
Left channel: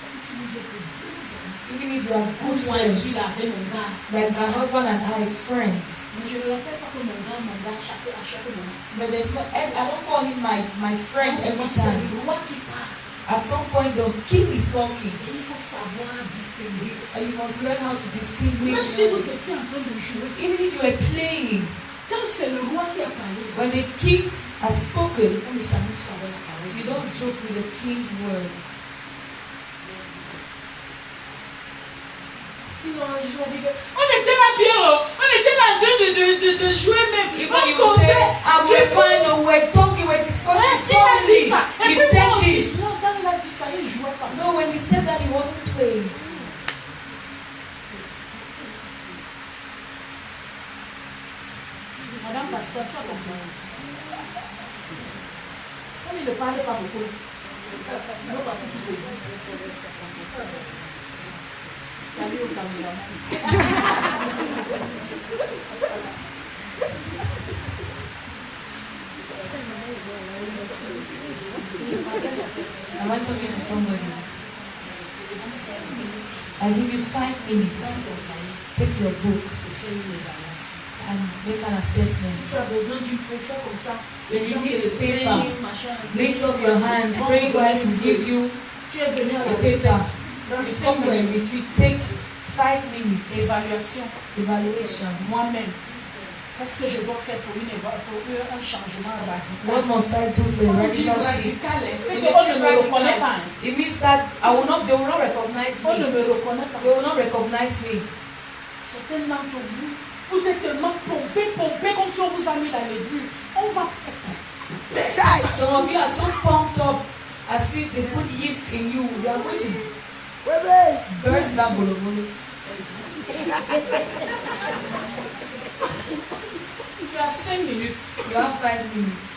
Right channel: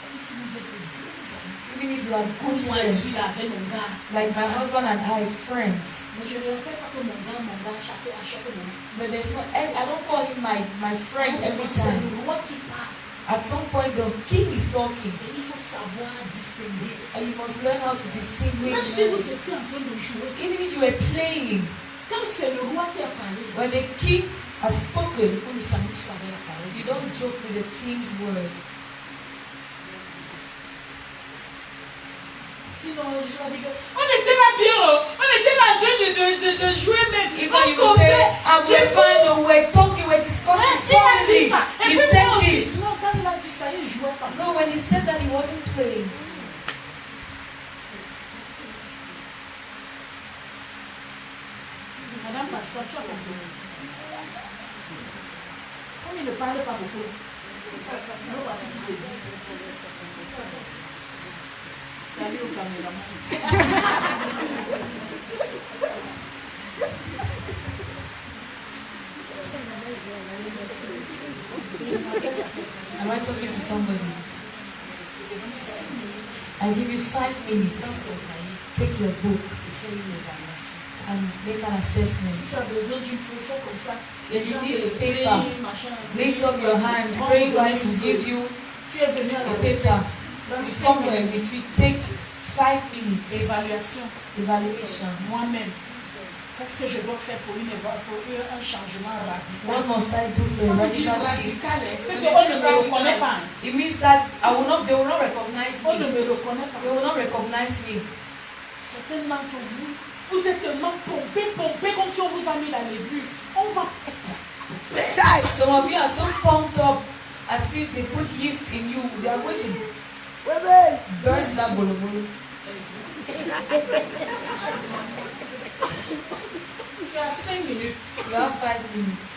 même si vous êtes bons amis. even if you are good Moi, je suis friends, là avec mon gars. like my husband and I, friends. Mais je ne rappelle pas que mon gars, à chaque moment. But there's no, I don't call him my friend every C'est time. le roi qui parle. At some point, the king is talking, Et il faut savoir distinguer. and you must learn how to Même distinguish. si vous étiez en train de jouer, Even if you were playing, quand c'est le roi qui a parlé, when the king has spoken, on ne s'amuse pas avec la parole. you don't joke with the king's word. Sinon, je vais dire, on était là bien, on était là en train de jouer même. Even On you will say, causait. I'm Dieu fine, no, we're talking, we're discussing il a dit something. ça. Et He puis said moi aussi. this. Non, quand il a dit ça, il ne jouait pas. No, when he said that, he wasn't playing. Madame Pasteur, tu as compris. Comme il ne parle pas beaucoup, non, parce qu'il te dit. Salut au caméraman. Am I talking to somebody? I give you 5 minutes. Take your book and make an assessment. Si tu as besoin d'une feuille, fais comme ça. If you need a paper, machin. lift up your hand. Pray Christ will give you Tu es venu à la a paper. Dans You 5 come for a minutes. retreat. Take 5 minutes. Évaluation. Evaluation. Moi-même. Qu'est-ce que je dois faire pour un changement radical? What must I do for a Quand on dit radical shift? radical, c'est It qu'on means ne me reconnaît pas. It means that they will not recognize On ne me. me reconnaît pas. They will not recognize me. Certains d'entre vous, vous êtes tellement pompés comme si on vous a mis dans les bulles. On va. Some of you are so pumped up as if they put yeast in you. They are going to burst that bolobolo. Tu as 5 minutes. You have 5 minutes.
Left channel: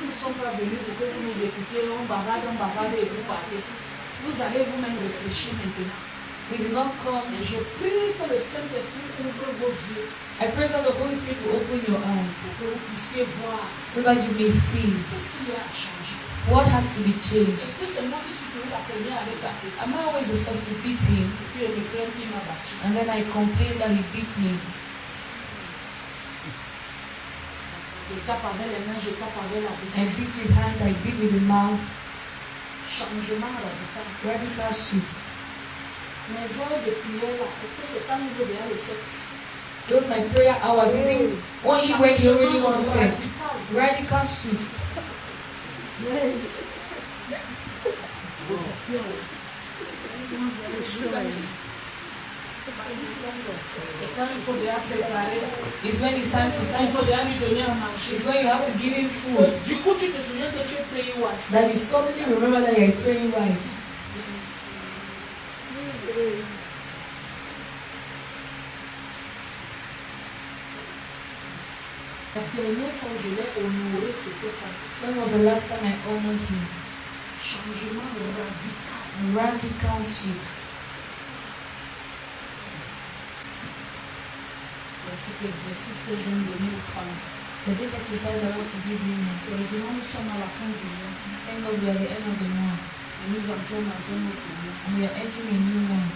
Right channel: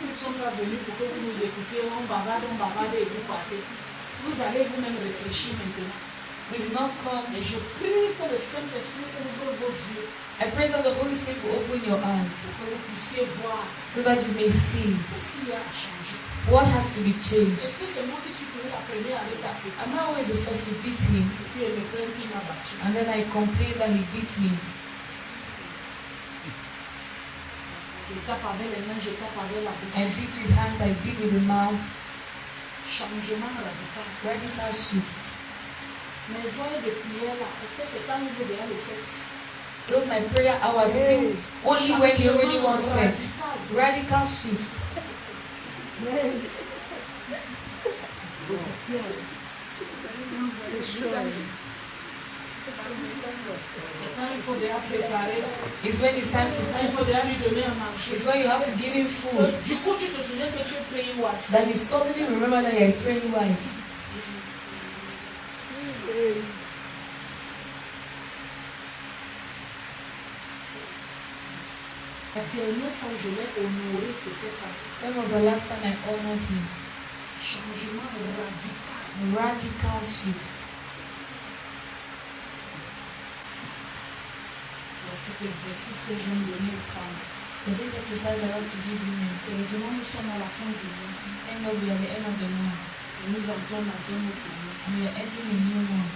Nous ne sommes pas venus pour que vous nous écoutiez, on bavarde et vous partez. Vous allez vous-même réfléchir maintenant. We do not come. Et je prie que le Saint-Esprit ouvre vos yeux. I pray that the Holy Spirit will open your eyes Pour que vous puissiez voir so that you may see qu'est-ce qu'il y a à changer. what has to be changed. Est-ce que c'est moi qui suis toujours la première à le taper? I'm not always the first to beat him, Et puis elle me plaint qu'il m'a battu. and then I complain that he beats me. Je tape avec les mains, je tape avec la I bouche. beat with hands, I beat with the mouth. Changement radical. Radical shift. Mes heures de prière là, est-ce que c'est pas au niveau derrière le sexe? Those my prayer hours isn't only when you really want sex. Radical shift. C'est quand il faut déjà préparer. It's when it's time to Quand il faut déjà lui donner à manger. It's when you have to give him food. Du coup, tu te souviens que tu es praying wife. That you suddenly remember that you're a praying wife. La dernière fois où je l'ai honoré, c'était quand When was the last time I honored him? changement radical. Radical shift. Il y a cet exercice que je me donner aux femmes. There's this exercise I want to give women. Heureusement, nous sommes à la fin du mois. Thank God we are at the end of the month Et nous entrons dans un autre mois. and we are entering a new month.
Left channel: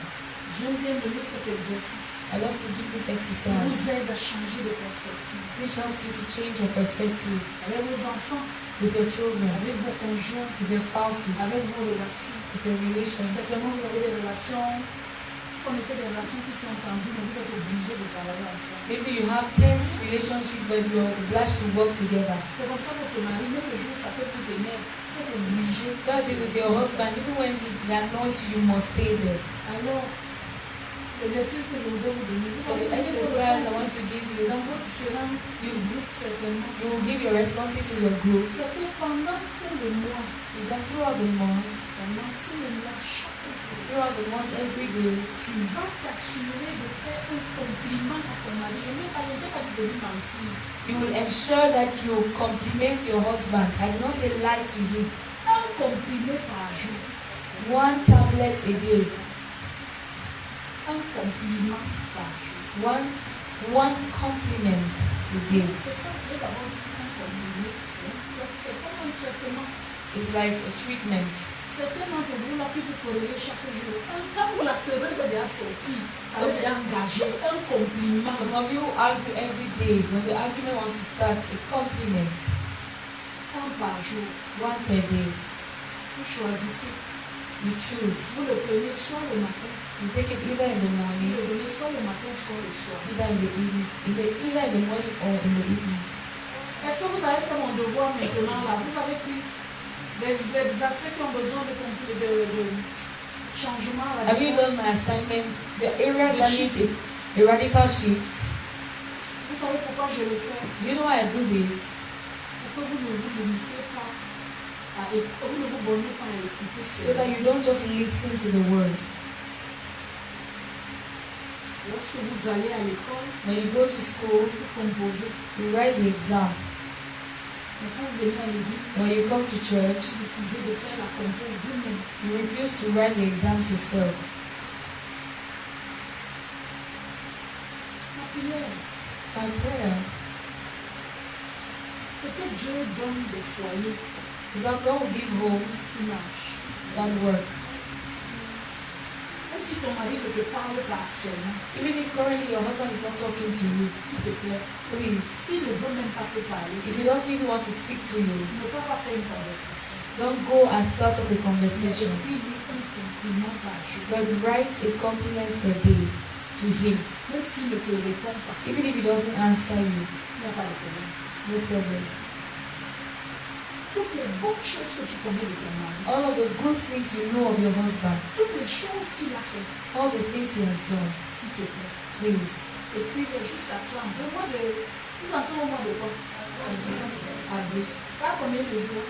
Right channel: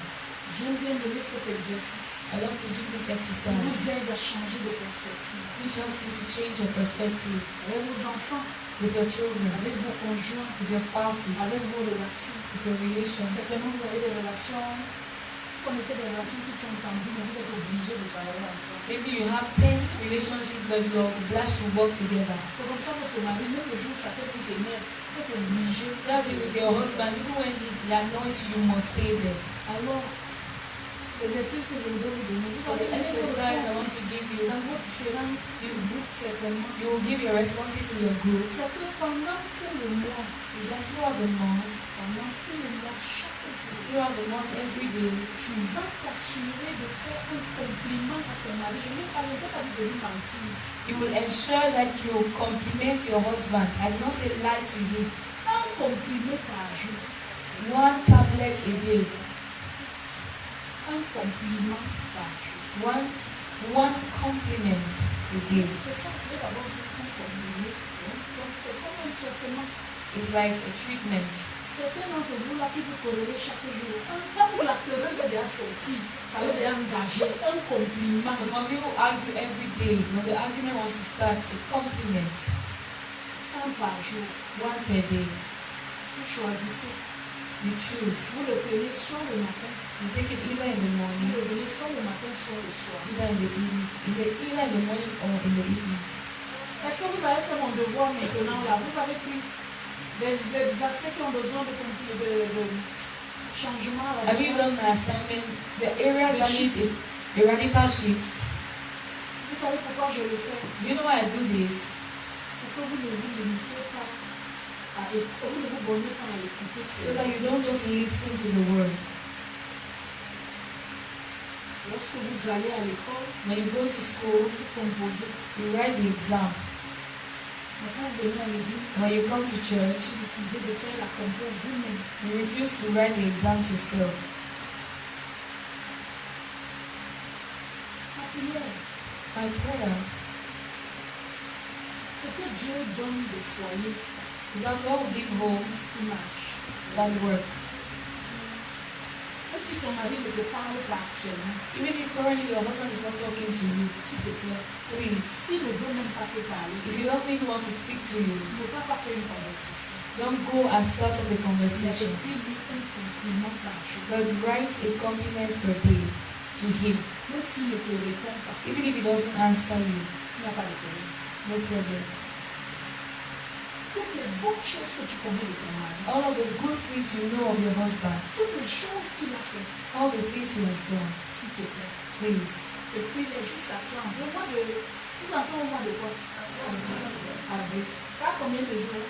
J'aime bien donner cet exercice. I love to give this Qui exercise vous aide à changer de perspective. which helps you to change your perspective Avec vos enfants, with your children, avec vos conjoints, with your spouses, avec vos relations. with your relations. Certainement, vous avez des relations, vous connaissez des relations qui sont tendues, mais vous êtes obligés de travailler ensemble. Maybe you have tensed relationships but you are obliged to work together. C'est comme ça que votre mari, même le jour où ça peut vous énerve, vous êtes obligé. That's it with your husband. Even when he annoys you, you must stay there. Alors, l'exercice que je voudrais vous donner, vous So allez the donner vos exercise I want réponses to give you, dans vos différents groupes, certainement. you will give your responses to your groups. C'est que pendant tout le mois, Is that throughout the month, pendant tout le mois, chaque jour, throughout the month, every day, tu vas t'assurer de faire un compliment à ton mari. Je n'ai pas dit de lui mentir. you will ensure that you compliment your husband. I do not say lie to him. Un compliment par jour. 1 tablet a day. Un compliment par jour. One compliment a day. C'est ça, je vais d'abord dire un compliment. Donc, c'est comme un traitement. It's like a treatment. Certains d'entre vous, là, qui vous corrélez chaque jour, quand vous la querelle est déjà sortie, ça veut dire engager un compliment. Some of you argue every day. When the argument wants to start, a compliment. Un par jour. 1 per day. Vous choisissez. You choose. Vous le prenez soit le matin, You take it either in the vous morning, le prenez soit le matin, soit le soir. either in the evening, either in the morning or in the evening. Est-ce que vous avez fait mon devoir maintenant là? Vous avez pris des aspects qui ont besoin de changement Have you radical. done my assignment? The areas that need a radical shift. Vous savez pourquoi je le fais? Do you know why I do this? Pour que vous ne vous limitiez pas vous ne vous bornez pas à écouter So that cela. you don't just listen to the word. Lorsque vous allez à l'école, When you go to school, vous composez. you write the exam. Mais quand vous venez à l'église, When you come to church, vous refusez de faire la compo vous-même. you refuse to write the exams yourself. La prière, My prayer c'est que Dieu donne des foyers is that God will give homes qui marchent. that work. Même si ton mari ne te parle pas actuellement, Even if currently your husband is not talking to you, s'il te plaît, please, s'il ne veut même pas te parler, if you don't even want to speak to you, ne peut pas faire une conversation. don't go and start up a Mais conversation, écris-lui un compliment par jour. but write a compliment per day to him. Même s'il ne te répond pas, Even if he doesn't answer you, il n'y a pas de problème. no problem. Toutes les bonnes choses que tu connais de ton mari, All of the good things you know of your husband, toutes les choses qu'il a fait, all the things he has done, s'il te plaît, please, Et puis il est juste à 30. Le mois de... Nous entrons au mois de quoi? Avril. Ça a combien de jours?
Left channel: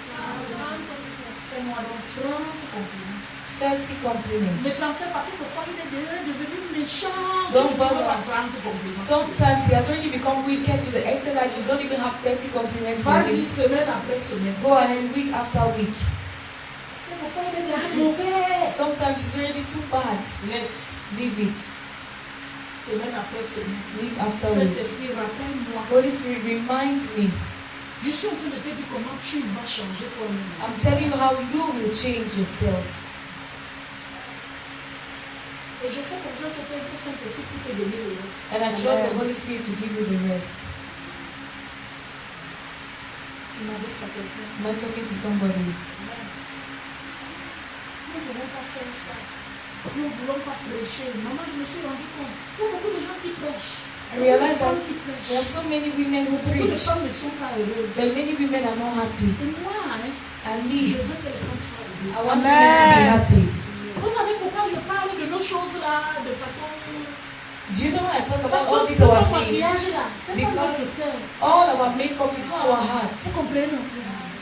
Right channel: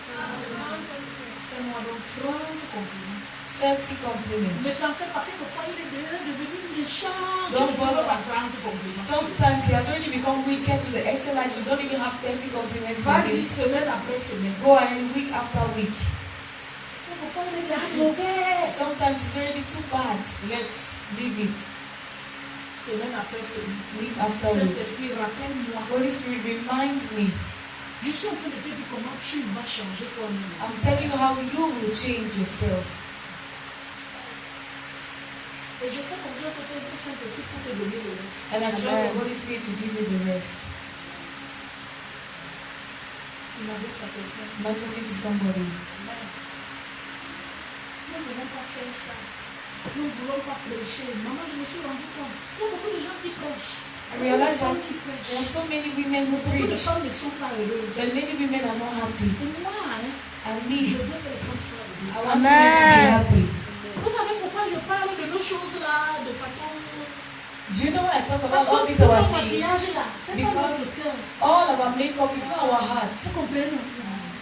Fais-moi donc 30 compliments. 30 compliments. Mais tu en fais pas quelquefois, il est devenu méchant. Don't Tu ne bother. pas 30 compliments. Sometimes he has already become wicked to the extent that you don't even have 30 compliments. Vas-y, semaine après semaine. Go ahead, week after week. Quelquefois, il est déjà mauvais. Sometimes it's already too bad. Laisse. Leave it. Semaine après semaine. Week after week. Saint-Esprit, rappelle-moi. Holy Spirit, remind me. Je suis en train de te dire comment tu vas changer toi-même. I'm telling you how you will change yourself. Et je fais confiance au Saint-Esprit pour te donner le reste. And I trust the Holy Spirit to give you the rest. Tu m'adresses à quelqu'un. Am I talking to somebody? Nous ne voulons pas faire ça. Nous ne voulons pas prêcher. Maman, je me suis rendu compte. Il y a beaucoup de gens qui prêchent. I realize that Beaucoup de femmes qui prêchent. there are so many women who Beaucoup de preach, femmes ne sont pas heureuses. but many women are not happy. Et moi, And je me, veux que les femmes soient heureuses. I want women to be happy. Vous savez pourquoi je parle de nos choses-là de façon... Do you know when I talk Parce about all que these tout our le things? maquillage-là, c'est pas Because notre cœur. all our makeup is not our heart. Vous comprenez?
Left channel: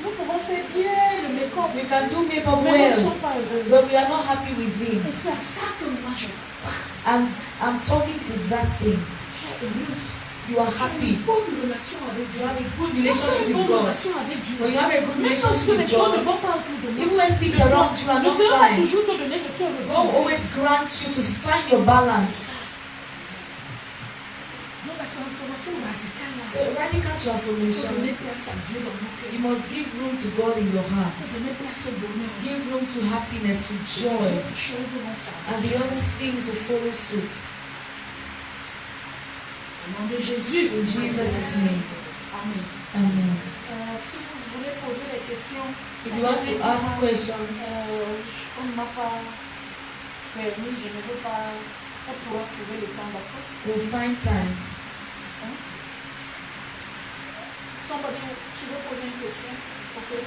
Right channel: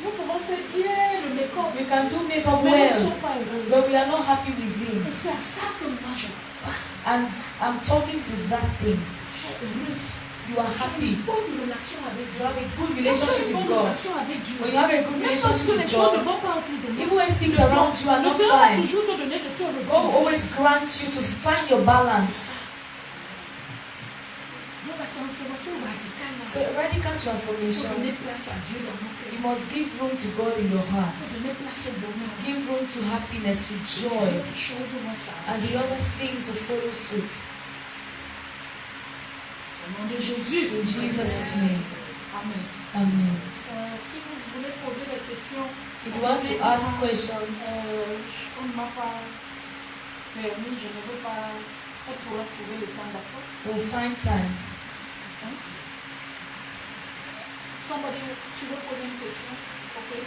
Nous pouvons faire bien le make-up, We can do makeup mais nous ne well, sommes pas heureuses. but we are not happy within. Et c'est à ça que moi je parle. And I'm talking to that thing. Tu es heureuse. You are Tu as happy. une bonne relation avec You Dieu. have a good Tu as relationship une with bonne God. relation avec Dieu. When you have a good Même parce relationship que les with choses ne God, vont pas autour de nous. even when things around you are Ne not sera pas fine, toujours te donner de te God retrouver. always grants you to find your balance. Donc la transformation radicale, là, So radical il faut transformation, donner place à Dieu dans nos you cœurs. must give room to God in your Il heart. faut donner place au bonheur. Give room to happiness, to Les joy, autres choses vont and s'arranger. the other things will follow suit. Au nom de Jésus. In Jesus' name. Amen. Amen. Si vous voulez poser des questions, If you want to ask questions, on ne m'a pas permis, je ne veux pas, elle pourra trouver le temps, d'accord? we'll find time. Somebody, tu veux poser une question? Ok.